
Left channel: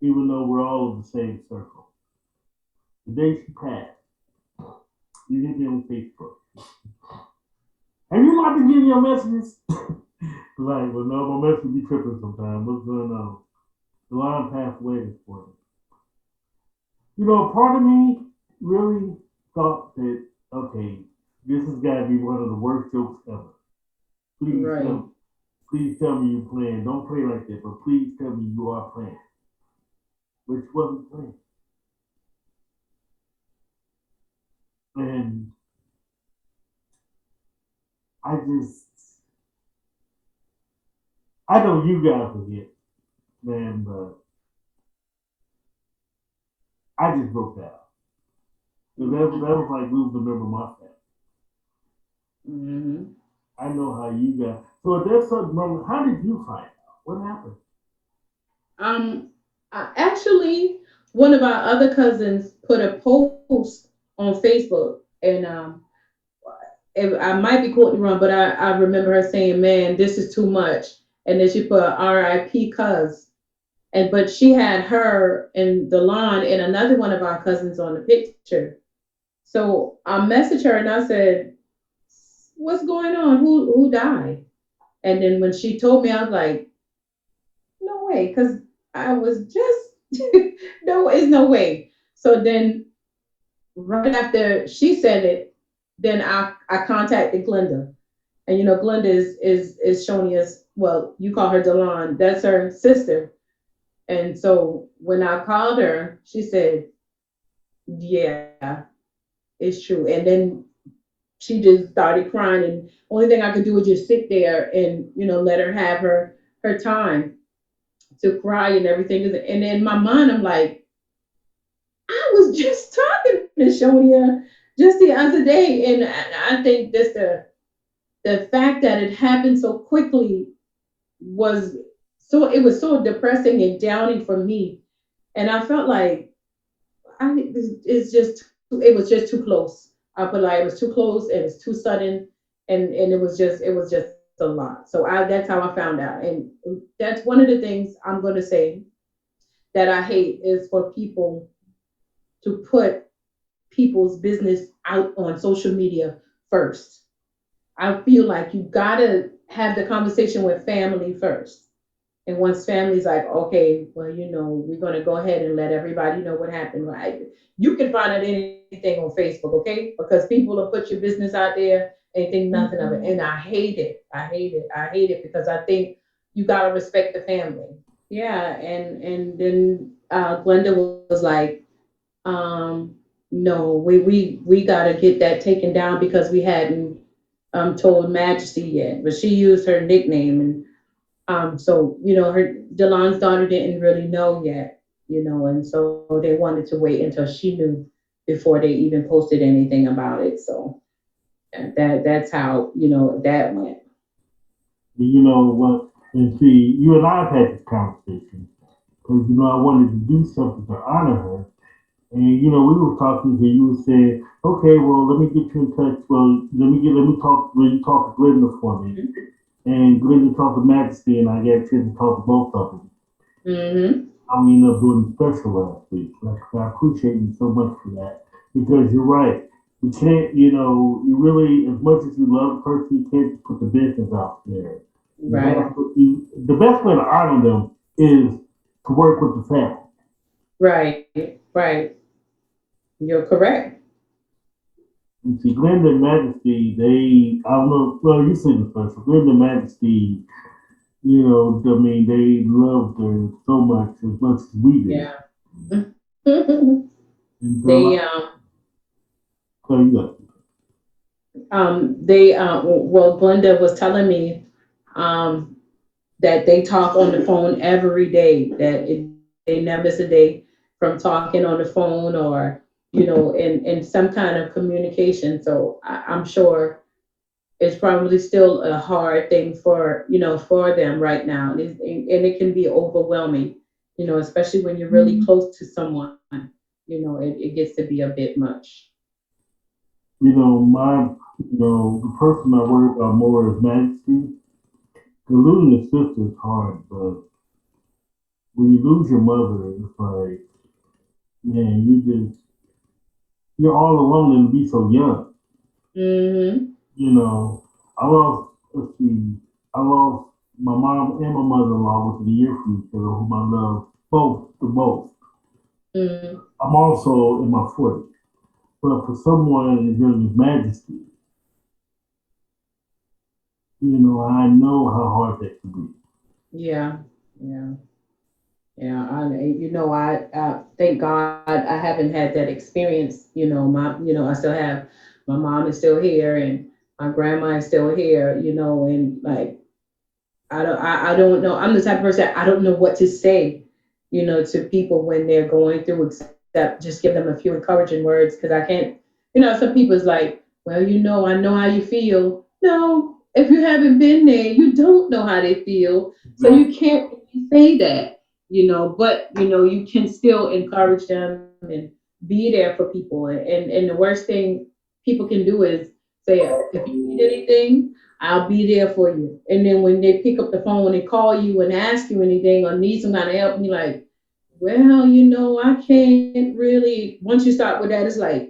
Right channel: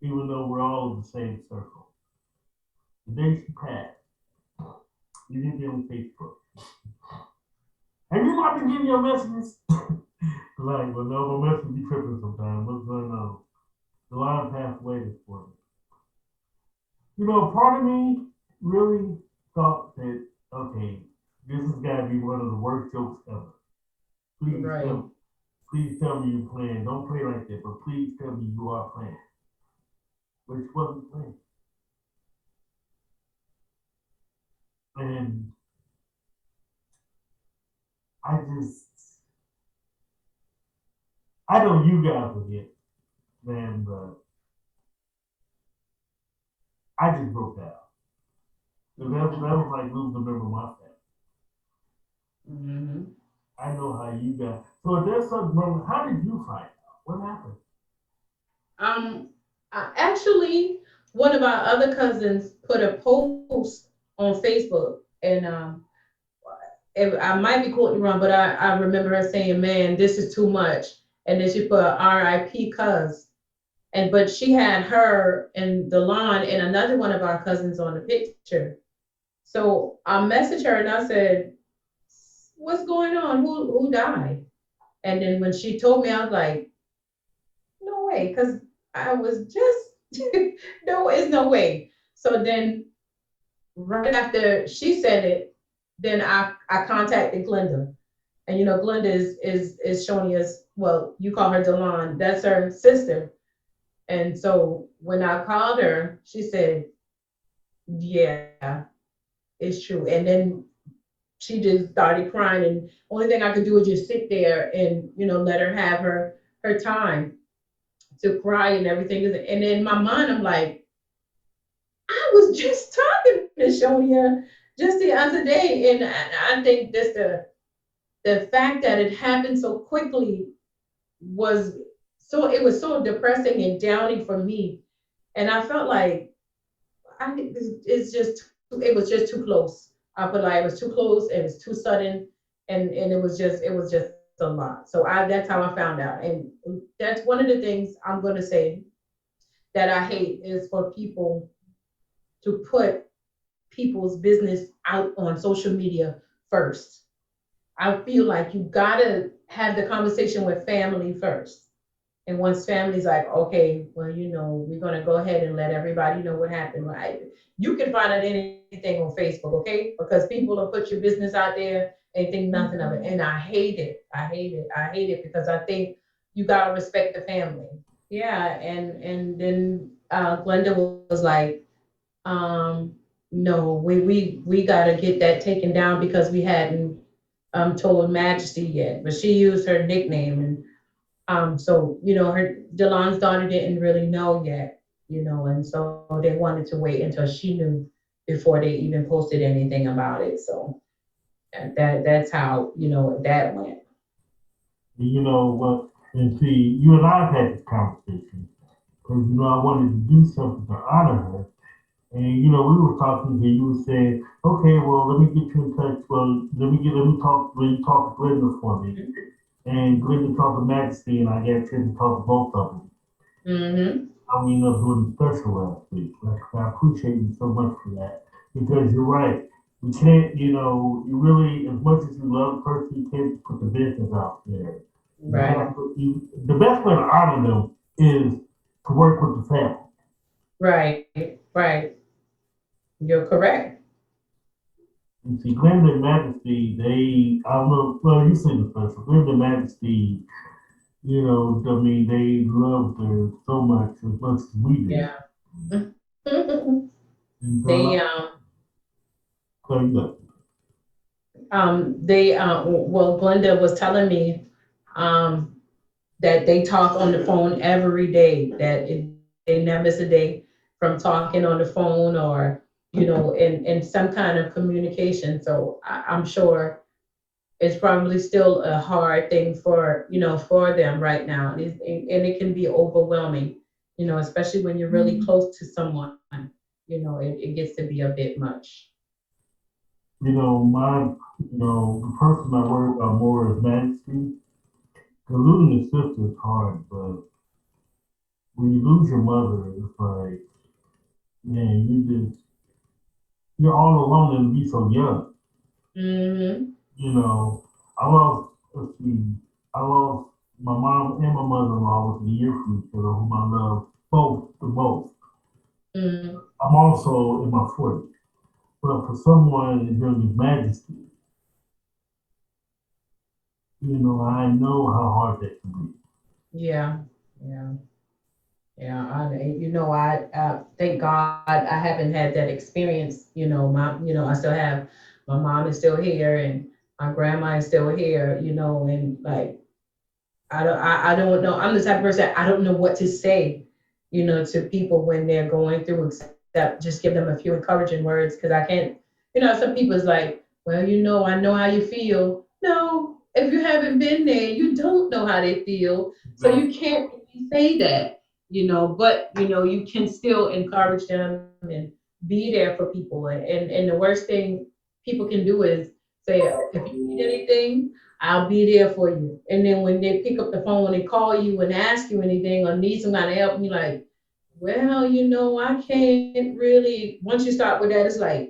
even though we're all in the same circle. The day she passed, you hit me on Facebook. Have you not been getting your messages? Like, well, no, my message be tripping sometimes. What's going on? The line passed away this morning. Part of me really thought that, okay, this has got to be one of the worst jokes ever. Please Right. tell me. Please tell me you're playing. Don't play like that, but please tell me you are playing. But she wasn't playing. And I just, I know you guys forget, man, but I just broke down. That was like losing a member of my family. Mm-hmm. I know how you got. So at that certain moment, how did you find out? What happened? Um, actually, one of our other cousins put a post on Facebook, and I might be quoting wrong, but I remember her saying, "Man, this is too much," and then she put "R.I.P. Cuz," and but she had her and Delon and another one of our cousins on the picture. So I messaged her and I said, "What's going on? Who died?" And then when she told me, I was like, "No way," because I was just no, it's no way. So then right after she said it, then I contacted Glenda. And Glenda is Shonia's, well, you call her Delon, that's her sister. And so when I called her, she said, "Yeah, it's true." And then she just started crying, and only thing I could do was just sit there and let her have her time to cry and everything. And in my mind, I'm like, I was just talking to Shonia just the other day, and I think just the fact that it happened so quickly was it was so depressing and downing for me, and I felt like it was just too close. I put like it was too close, it was too sudden, and it was just a lot. So that's how I found out, and that's one of the things I'm going to say that I hate is for people to put people's business out on social media first. I feel like you gotta have the conversation with family first. And once family's like, okay, well, we're gonna go ahead and let everybody know what happened, right? You can find out anything on Facebook, okay? Because people will put your business out there and think nothing of it. And I hate it. I hate it. I hate it because I think you gotta respect the family. Yeah, and then Glenda was like, um, no, we gotta get that taken down because we hadn't told Majesty yet, but she used her nickname, and so her Delon's daughter didn't really know yet, and so they wanted to wait until she knew before they even posted anything about it. So that's how that went. You know what? And see, you and I have had this conversation because I wanted to do something to honor her. And we were talking here. You were saying, okay, well, let me get you in touch. Well, let me talk. Well, you talk to Glenda for me, and Glenda talked to Majesty, and I got a chance to talk to both of them. Mm-hmm. We ended up doing a special last week. Like I appreciate you so much for that because you're right. You can't, you really, as much as you love the person, you can't put the business out there. You Right. have to. The best way to honor them is to work with the family. Right. Right. You're correct. You see, Glenda and Majesty, I don't know, well, you see the special. Glenda and Majesty, they loved her so much as we did. Yeah. And they so, so you got well, Glenda was telling me um that they talk on the phone every day, that they never miss a day from talking on the phone, or in some kind of communication. So I'm sure it's probably still a hard thing for them right now, and it can be overwhelming, especially when you're really close to someone. it gets to be a bit much. The person I worry about more is Majesty. 'Cause losing a sister is hard, but when you lose your mother, it's like, man, you're all alone and to be so young. Mm-hmm. You know, I lost, let's see, I lost my mom and my mother-in-law within a year from each other, whom I love both the most. Mm-hmm. I'm also in my 40s, but for someone as young as Majesty, I know how hard that can be. Yeah. Yeah. Yeah. I thank God I haven't had that experience. I still have my mom is still here and my grandma is still here, and like I don't know. I'm the type of person I don't know what to say, to people when they're going through except just give them a few encouraging words because I can't, some people's like, well, I know how you feel. No, if you haven't been there, you don't know how they feel. So you Exactly. can't really say that, but you can still encourage them and be there for people. And the worst thing people can do is say, if you need anything, I'll be there for you. And then when they pick up the phone and call you and ask you anything or need some kind of help, and you're like, well, I can't really. Once you start with that, it's like,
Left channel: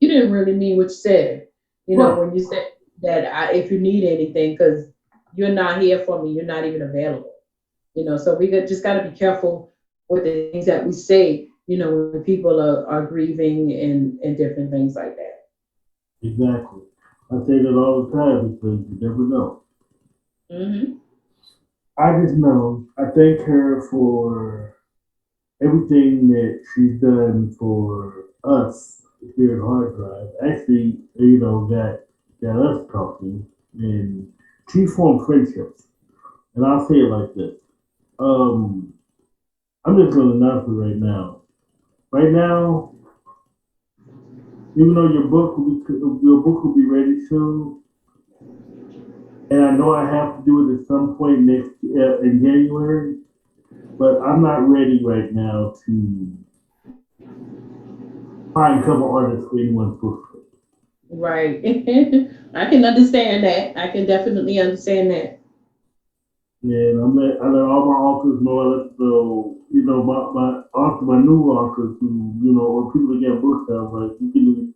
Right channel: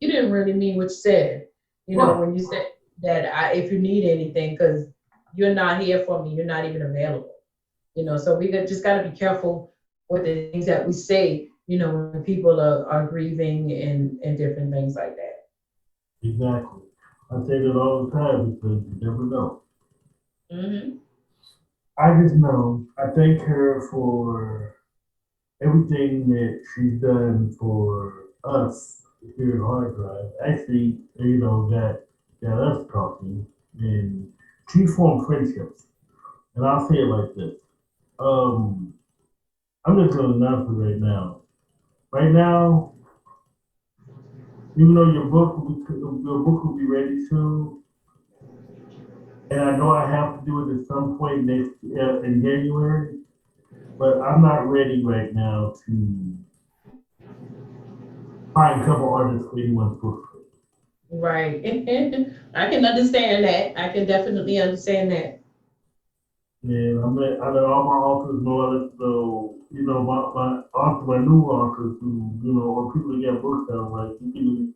you didn't really mean what you said, Right. when you said that if you need anything, because you're not here for me, you're not even available. So just got to be careful with the things that we say, when people are grieving and different things like that. Exactly. I say that all the time because you never know. Hmm. I just know I thank her for everything that she's done for us here at Hard Drive. Actually, got us talking, and she formed friendships. And I'll say it like this. Um, I'm just going to announce it right now. Right now, even though your book will be ready soon, and I know I have to do it at some point next in January, but I'm not ready right now to find cover artists for anyone's book. Right. I can understand that. I can definitely understand that. And I let all my authors know. I let my author, my new authors who or people that get books out. Like you can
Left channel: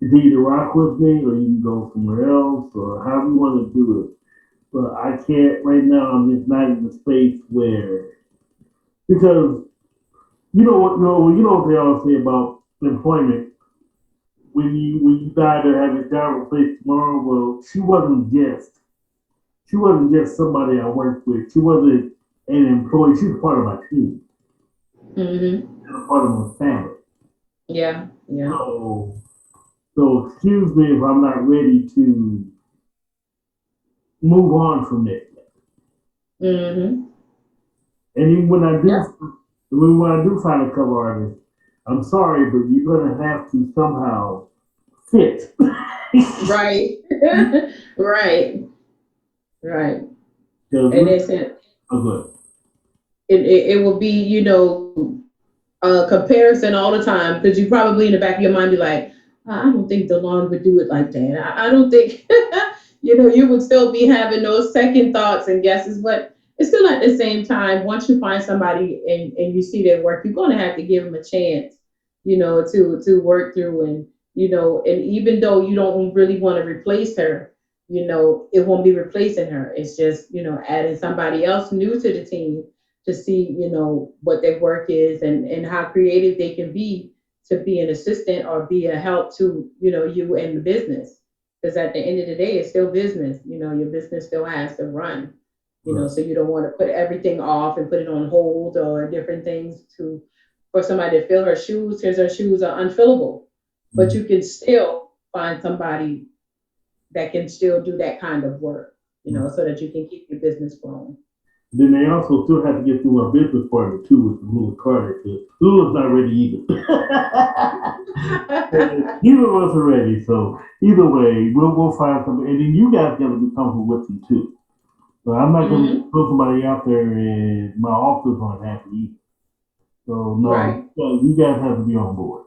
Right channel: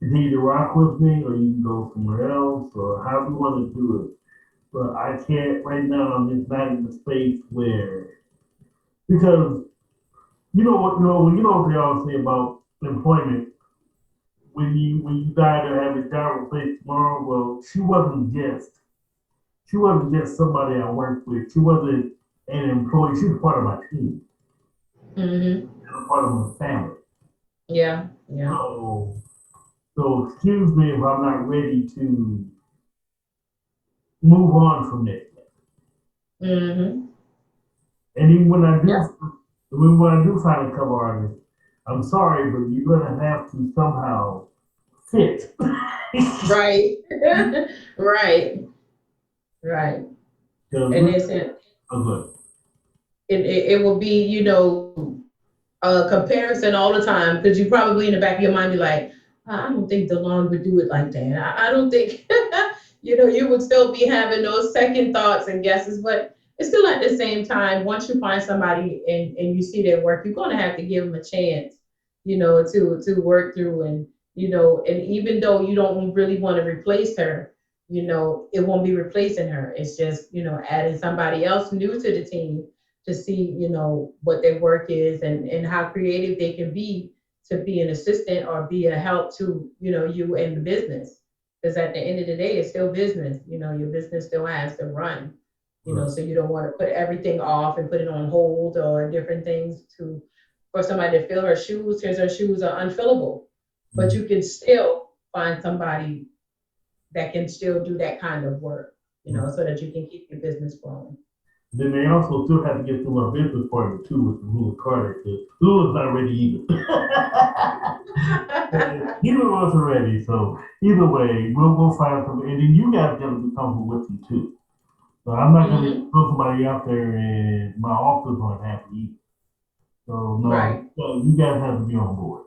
continue to rock with me, or you can go somewhere else, or however you want to do it. But I can't right now. I'm just not in the space where because what they always say about employment. When you die to have your job replaced tomorrow, well, she wasn't just somebody I worked with. She wasn't an employee. She was part of my team Hmm. and a part of my family. Yeah. Yeah. So, so excuse me if I'm not ready to move on from that. Hmm. And even Yep. when I do find a cover artist, I'm sorry, but you're gonna have to somehow fit. Right. Right. Right. Because And we're it's it, oh, good. it will be, a comparison all the time because you probably in the back of your mind be like, I don't think Delon would do it like that. I don't think, you would still be having those second thoughts and guesses, but it's still at the same time, once you find somebody and you see their work, you're going to have to give them a chance, to work through and even though you don't really want to replace her, it won't be replacing her. It's just, adding somebody else new to the team to see, what their work is and how creative they can be to be an assistant or be a help to, you and the business. Because at the end of the day, it's still business. Your business still has to run. Right. So you don't want to put everything off and put it on hold or different things to for somebody to fill her shoes because her shoes are unfillable. But Mhm. you can still find somebody that can still do that kind of work, Right. so that you can keep your business flowing. Then they also still have to get through my business partner too with the Lula Carter. Because Lula's not ready either. Neither of us are ready. So either way, we'll find something, and then you guys got to be comfortable with them too. So I'm not going to Hmm. throw somebody out there and my officers aren't happy either. So no, Right, you guys have to be on board.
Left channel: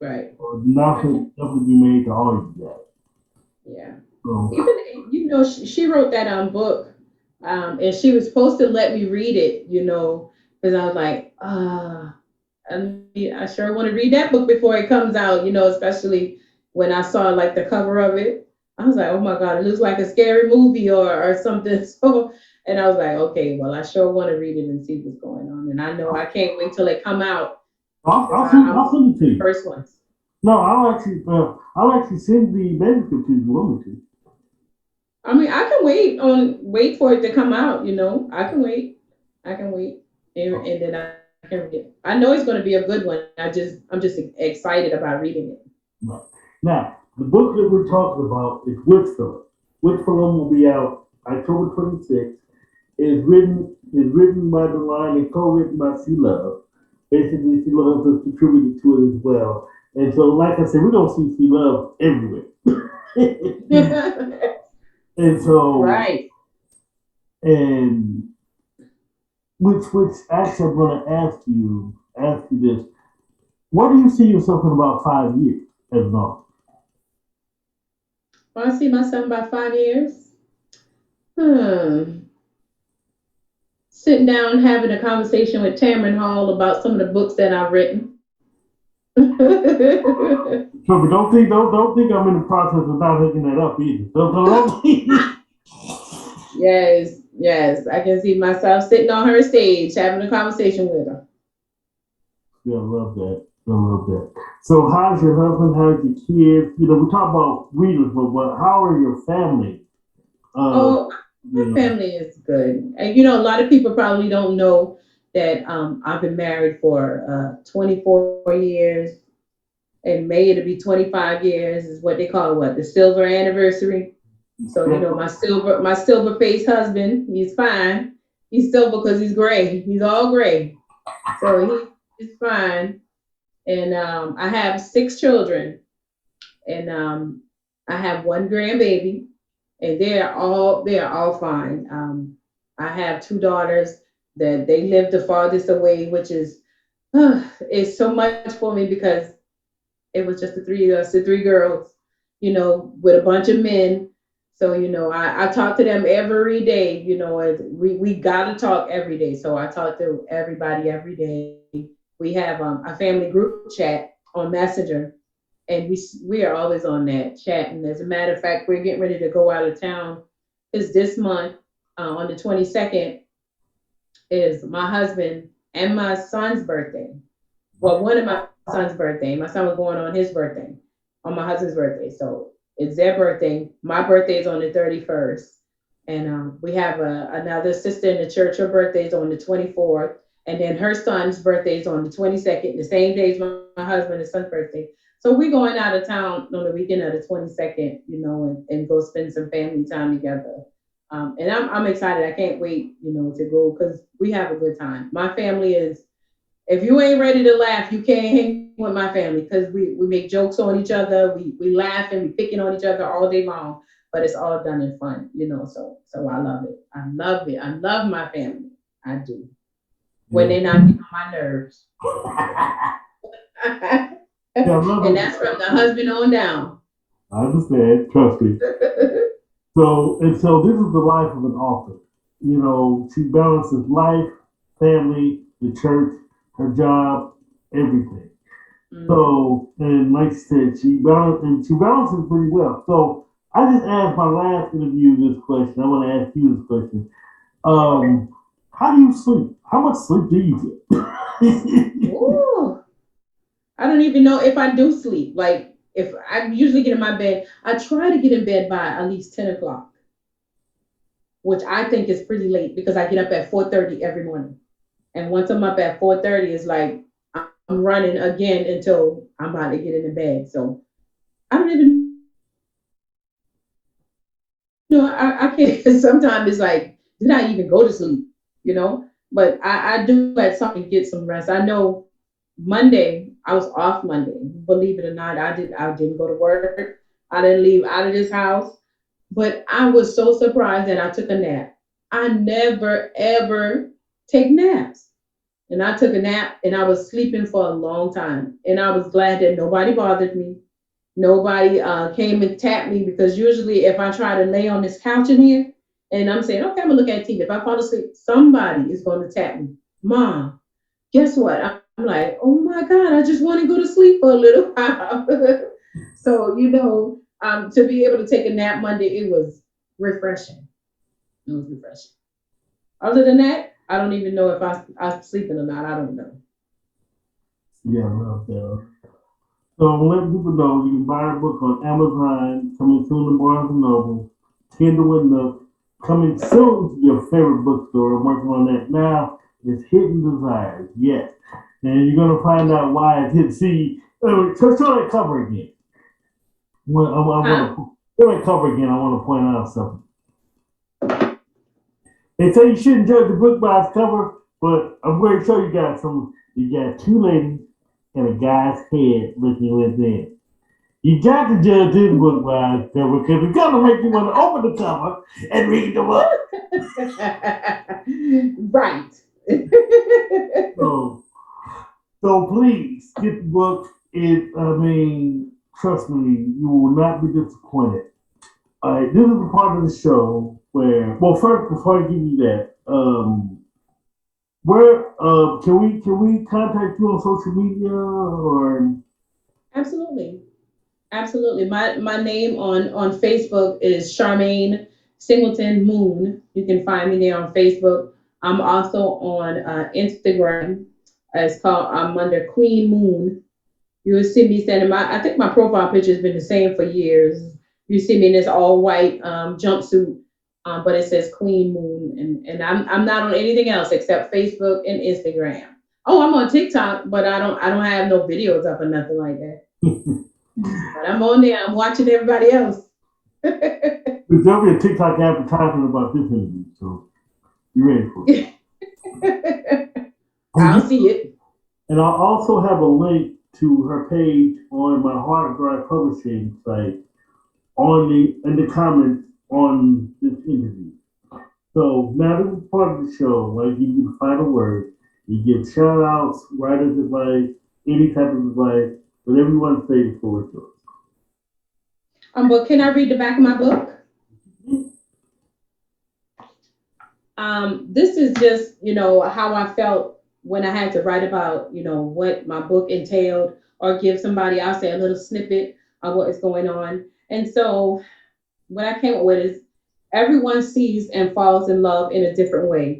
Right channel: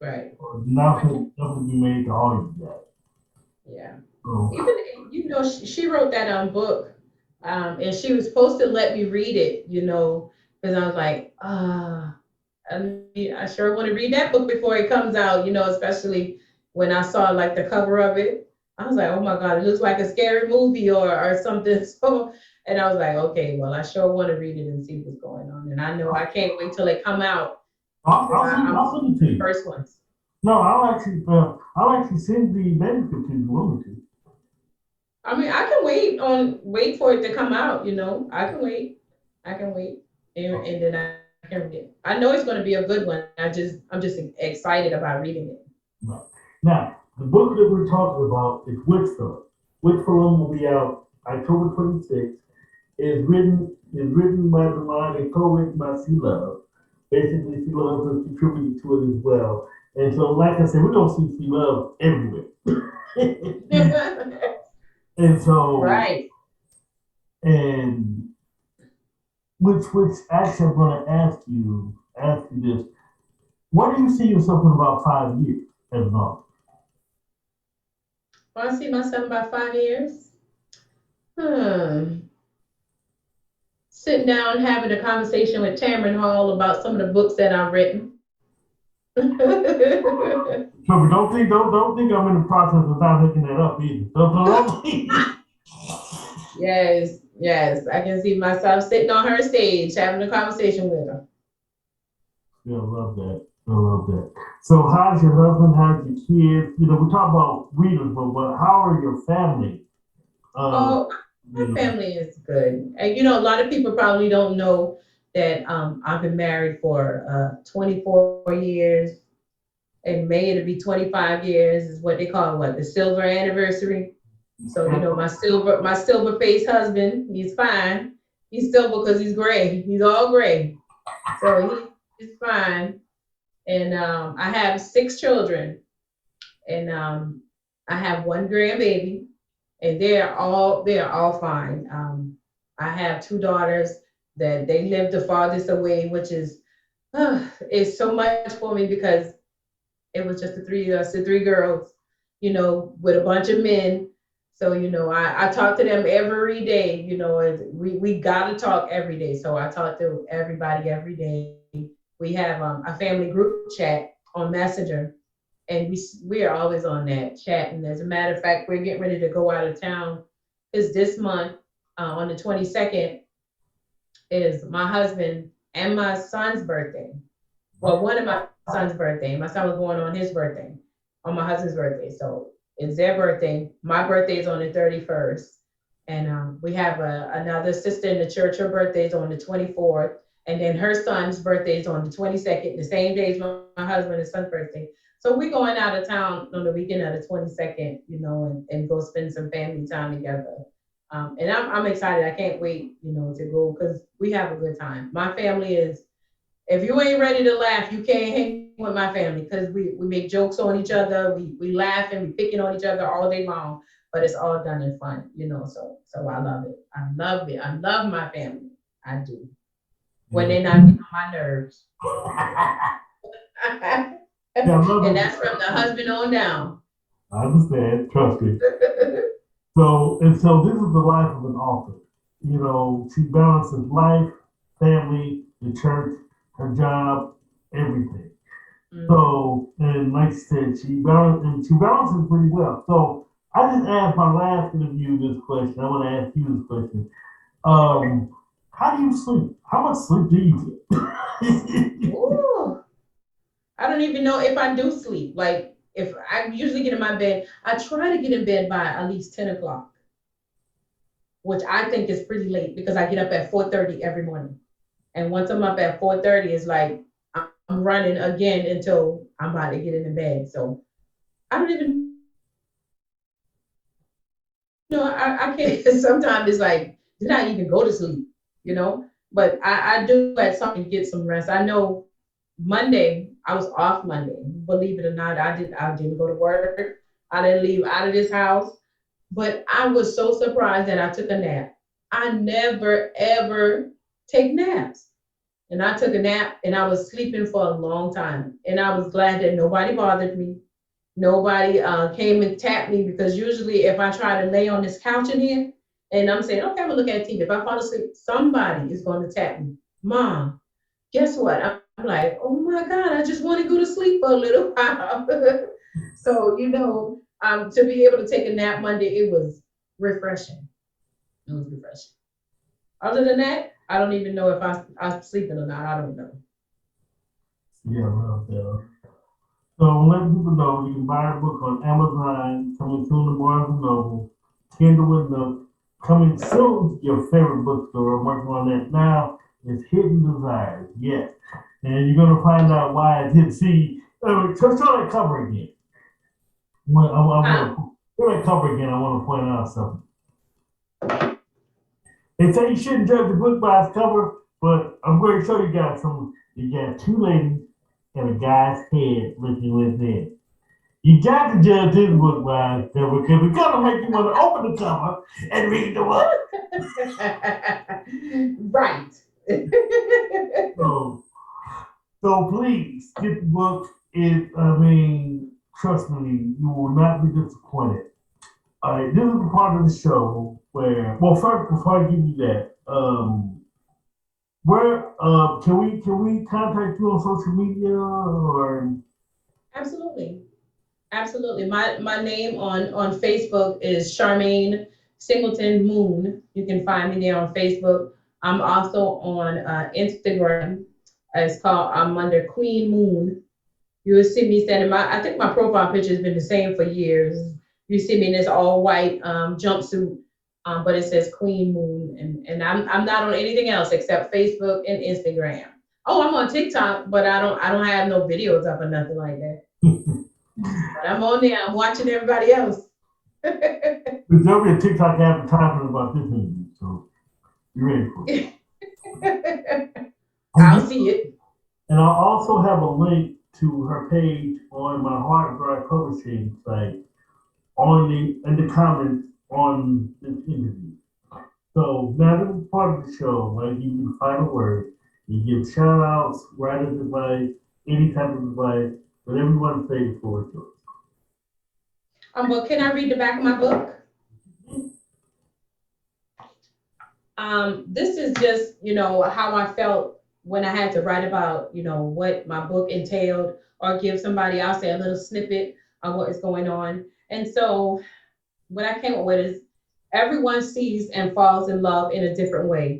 right. Nothing definitely be made to all you guys. Yeah. So Even, she wrote that book, and she was supposed to let me read it, because I was like, I sure want to read that book before it comes out, especially when I saw like the cover of it. I was like, oh my God, it looks like a scary movie or something. So, and I was like, okay, well, I sure want to read it and see what's going on. And I know I can't wait till it come out because I'm I'll send it to the you. first ones. No, I'll actually send the manuscript to you if you want me to. I mean, I can wait for it to come out, I can wait. I can wait. And then I can read it. I know it's going to be a good one. I'm just excited about reading it. Right. Now, the book that we're talking about is Whitfilm. Whitfilm will be out October 26th. Is written by Delon and co-written by C Love. Basically, C Love has contributed to it as well. And so, like I said, we're gonna see C Love everywhere. And so, Right. and which actually I'm gonna ask you this. What do you see yourself in about 5 years as an author? Well, I see myself in about 5 years. Hmm. Sitting down having a conversation with Tamron Hall about some of the books that I've written. So, but don't think I'm in the process of not hooking that up either. Don't think. Yes, yes. I can see myself sitting on her stage having a conversation with her. Yeah, I love that. I love that. So, how's your husband? How's your kids? We talk about readers, but how are your family? Uh, Oh, my you know, family is good. And a lot of people probably don't know that I've been married for 24 years. In May it'll be 25 years is what they call the silver anniversary. So my silver faced husband, he's fine. He's silver because he's gray. He's all gray. So he's fine. And I have 6 children, and I have one grandbaby, and they are all fine. I have 2 daughters that they live the farthest away, which is so much for me because it was just the three girls, with a bunch of men. So I talk to them every day. We gotta talk every day. So I talk to everybody every day. We have a family group chat on Messenger, and we are always on that chatting. As a matter of fact, we're getting ready to go out of town. Is this month on the 22nd is my husband and my son's birthday. Well, one of my son's birthday. My son was born on his birthday, on my husband's birthday. So it's their birthday. My birthday is on the 31st. And we have another sister in the church. Her birthday is on the 24th. And then her son's birthday is on the 22nd, the same day as my husband and son's birthday. So we're going out of town on the weekend of the 22nd, and go spend some family time together. And I'm excited. I can't wait, to go because we have a good time. My family is, if you ain't ready to laugh, you can't hang with my family because we make jokes on each other. We laugh and we picking on each other all day long, but it's all done in fun, So I love it. I love it. I love my family. I do. When yeah, they're not getting on my nerves. yeah, I love And it. that's from the husband on down. I understand. Trust me. So this is the life of an author. She balances life, family, the church, her job, everything. Mhm. So, and like you said, she balances pretty well. So I just asked my last interview this question. I want to ask you this question. How do you sleep? How much sleep do you get? Ooh, I don't even know if I do sleep. Like if I usually get in my bed, I try to get in bed by at least 10 o'clock, which I think is pretty late because I get up at 4:30 every morning. And once I'm up at 4:30, it's like I'm running again until I'm about to get into bed. So I don't even know. I can't. Sometimes it's like, did I even go to sleep? You know. But I do at some point get some rest. I know Monday I was off Monday. Believe it or not, I didn't go to work. I didn't leave out of this house. But I was so surprised that I took a nap. I never ever take naps. and I took a nap and I was sleeping for a long time. And I was glad that nobody bothered me. Nobody came and tapped me, because usually if I try to lay on this couch in here and I'm saying, okay, I'm gonna look at TV. If I fall asleep, somebody is going to tap me. Mom, guess what? I'm like, oh my God, I just want to go to sleep for a little while. So, to be able to take a nap Monday, it was refreshing. It was refreshing. Other than that, I don't even know if I'm sleeping or not. I don't know. Yeah, I love that. So let people know you can buy our book on Amazon, coming soon to Barnes and Noble, Kindle and Nook, coming soon to your favorite bookstore. I'm working on that now. It's Hidden Desires, yes. And you're gonna find out why it's hidden. See, show that cover again. I want to show that cover again. I want to point out something. They say you shouldn't judge a book by its cover, but I'm going to show you guys some. You got two ladies and a guy's head looking within. You got to judge this book by its cover, because it's going to make you want to open the cover and read the book. Right. So please get the book. Trust me, you will not be disappointed. All right, this is the part of the show where, well, first, before I give you that, where can we contact you on social media or? Absolutely. Absolutely. My name on Facebook is Charmaine Singleton Moon. You can find me there on Facebook. I'm also on Instagram. I'm under Queen Moon. You'll see me sending I think my profile picture has been the same for years. You see me in this all white jumpsuit, but it says Queen Moon, and I'm not on anything else except Facebook and Instagram. Oh, I'm on TikTok, but I don't have no videos up or nothing like that. But I'm on there. I'm watching everybody else. There'll be a TikTok advertisement about this interview, so you ready for it? I'll see it. And I'll also have a link to her page on my hard drive publishing site in the comments on this interview. So now this is part of the show. I give you the final word. You give shout outs, writer's advice, any type of advice, whatever you want to say, the floor is yours. But can I read the back of my book? This is just, how I felt when I had to write about, what my book entailed, or give somebody, I'll say, a little snippet of what is going on. And so what I came up with is, everyone sees and falls in love in a different way.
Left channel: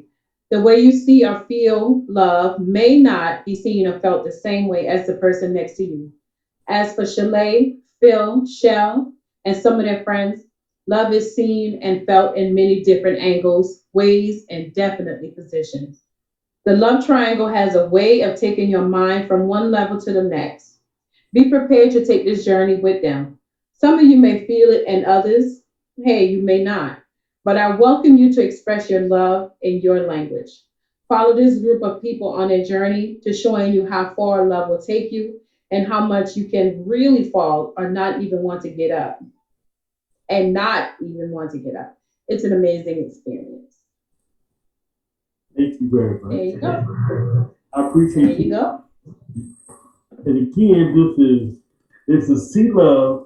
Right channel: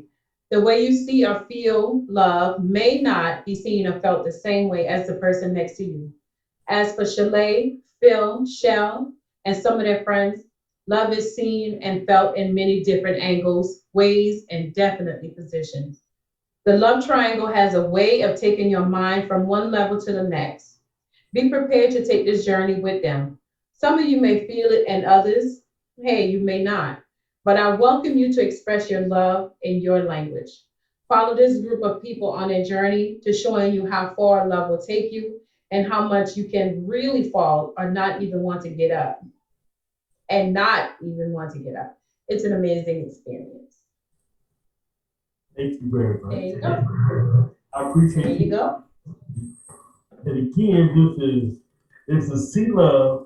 The way you see or feel love may not be seen or felt the same way as the person next to you. As for Chalet, Phil, Shell, and some of their friends, love is seen and felt in many different angles, ways, and definitely positions. The love triangle has a way of taking your mind from one level to the next. Be prepared to take this journey with them. Some of you may feel it, and others, hey, you may not. But I welcome you to express your love in your language. Follow this group of people on their journey to showing you how far love will take you, and how much you can really fall or not even want to get up. And not even want to get up. It's an amazing experience. Thank you very much. There you go. I appreciate There you go. And again, this is Sea Love,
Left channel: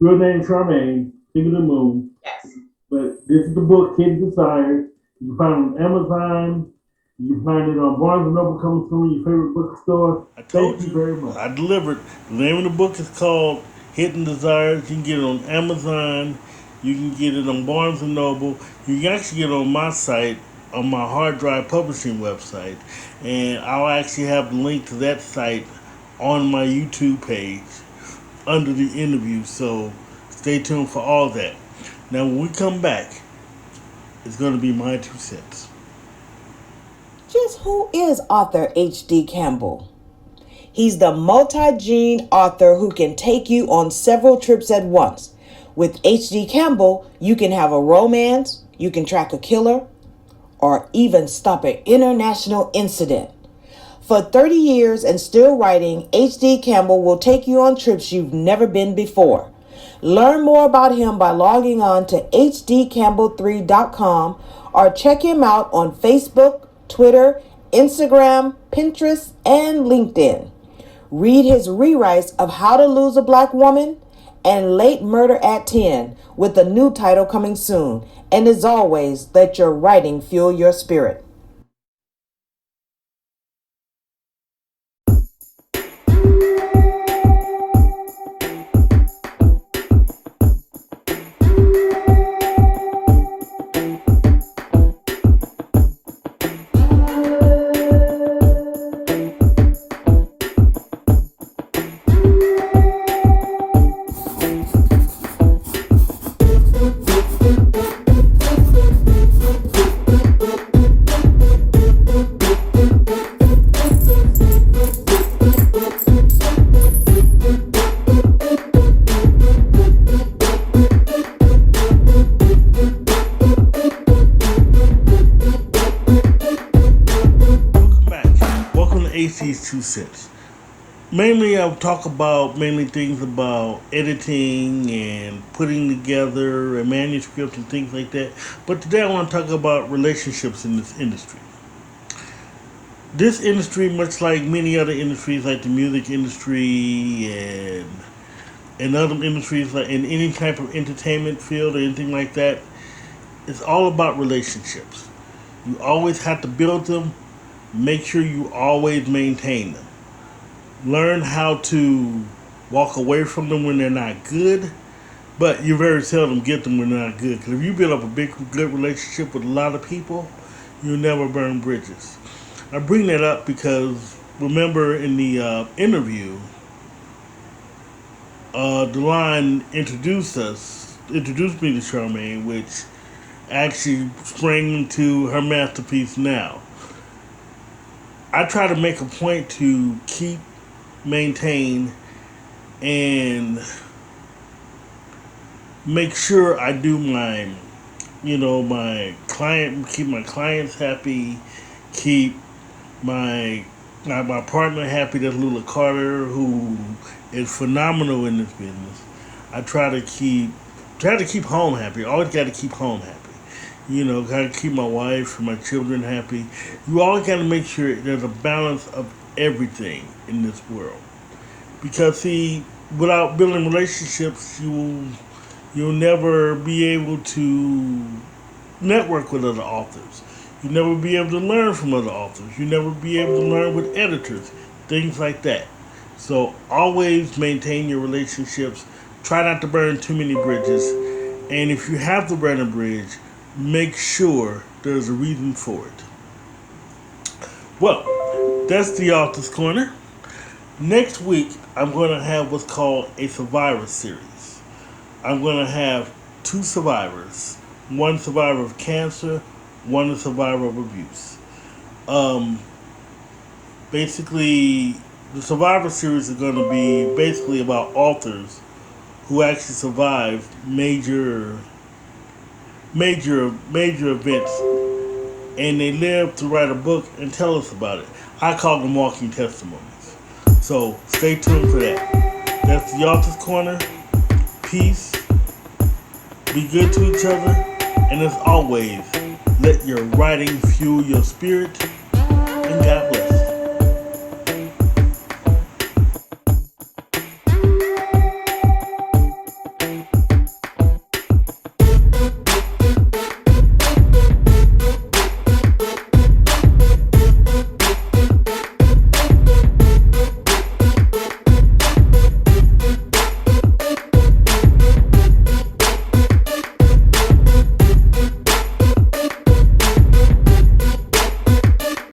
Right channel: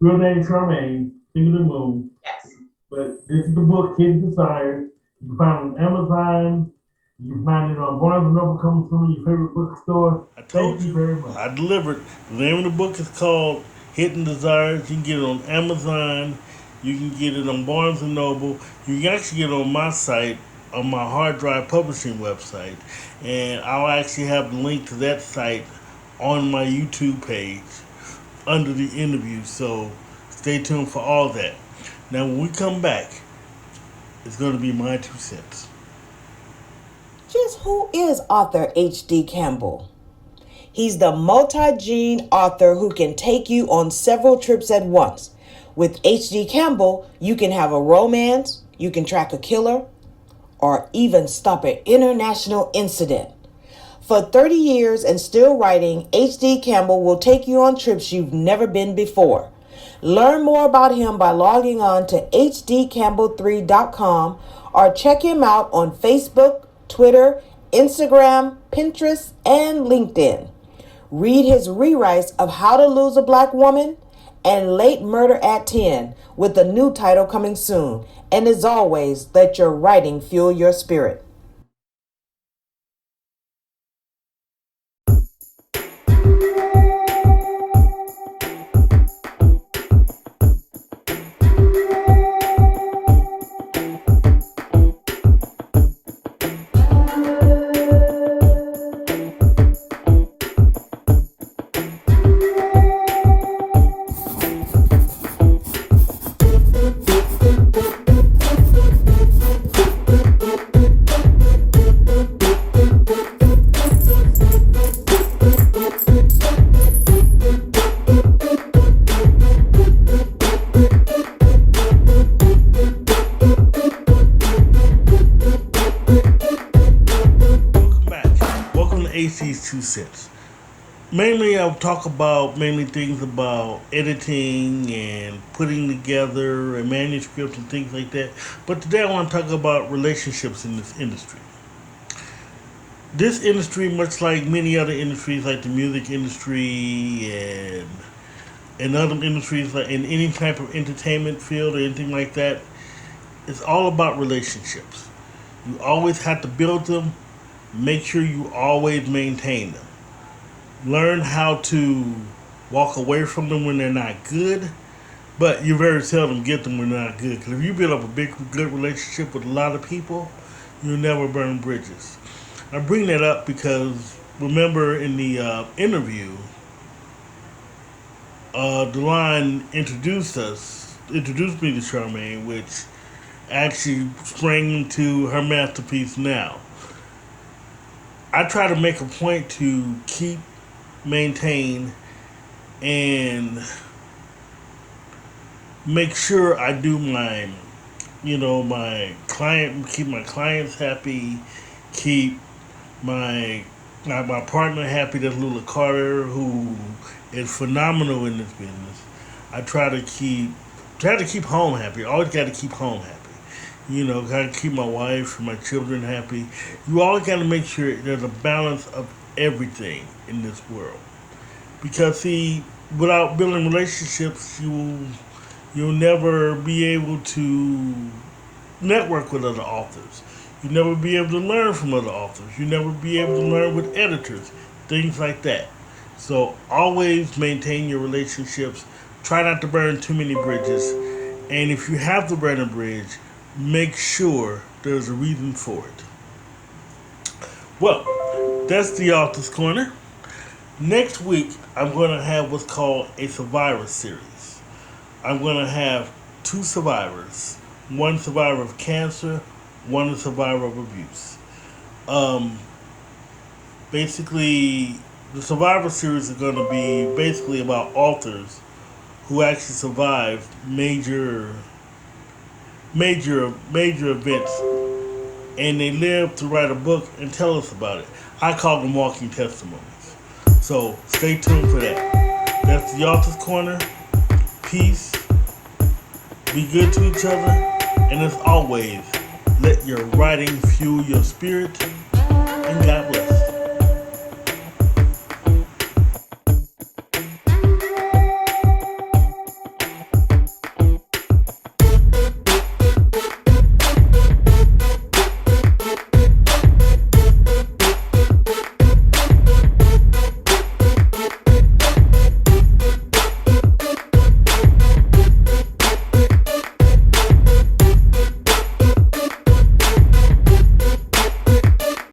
real name Charmaine, Singleton Moon. Yes. But this is the book, Hidden Desires. You can find it on Amazon. You can find it on Barnes & Noble, coming soon, your favorite bookstore. I told you very much. I delivered. The name of the book is called Hidden Desires. You can get it on Amazon. You can get it on Barnes & Noble. You can actually get it on my site, on my hard drive publishing website. And I'll actually have the link to that site on my YouTube page under the interview. So stay tuned for all that. Now, when we come back, it's going to be my 2 cents. Just who is author H.D. Campbell? He's the multi-gene author who can take you on several trips at once. With H.D. Campbell, you can have a romance, you can track a killer, or even stop an international incident. For 30 years and still writing, H.D. Campbell will take you on trips you've never been before. Learn more about him by logging on to hdcampbell3.com or check him out on Facebook, Twitter, Instagram, Pinterest, and LinkedIn. Read his rewrites of How to Lose a Black Woman and Late Murder at 10 with a new title coming soon. And as always, let your writing fuel your spirit. AC's 2 cents. Mainly, I'll talk about things about editing and putting together a manuscript and things like that. But today, I want to talk about relationships in this industry. This industry, much like many other industries, like the music industry and other industries, like in any type of entertainment field or anything like that, it's all about relationships. You always have to build them. Make sure you always maintain them. Learn how to walk away from them when they're not good, but you very seldom get them when they're not good. Because if you build up a good relationship with a lot of people, you'll never burn bridges. I bring that up because remember in the interview, Delon introduced me to Charmaine, which actually sprang into her masterpiece now. I try to make a point to maintain, and make sure I do my keep my clients happy, keep my partner happy. That's Lula Carter, who is phenomenal in this business. I try to keep home happy. Always got to keep home happy. Got to keep my wife and my children happy. You always got to make sure there's a balance of everything in this world. Because, see, without building relationships, you'll never be able to network with other authors. You'll never be able to learn from other authors. You'll never be able to learn with editors, things like that. So always maintain your relationships. Try not to burn too many bridges. And if you have to burn a bridge, make sure there's a reason for it. Well, that's the Author's Corner. Next week, I'm going to have what's called a Survivor series. I'm going to have 2 survivors. One survivor of cancer, one a survivor of abuse. Basically, the Survivor series is going to be basically about authors who actually survived major events, and they lived to write a book and tell us about it. I call them walking testimonies. So stay tuned for that. That's the Author's Corner. Peace. Be good to each other. And as always, let your writing fuel your spirit. And God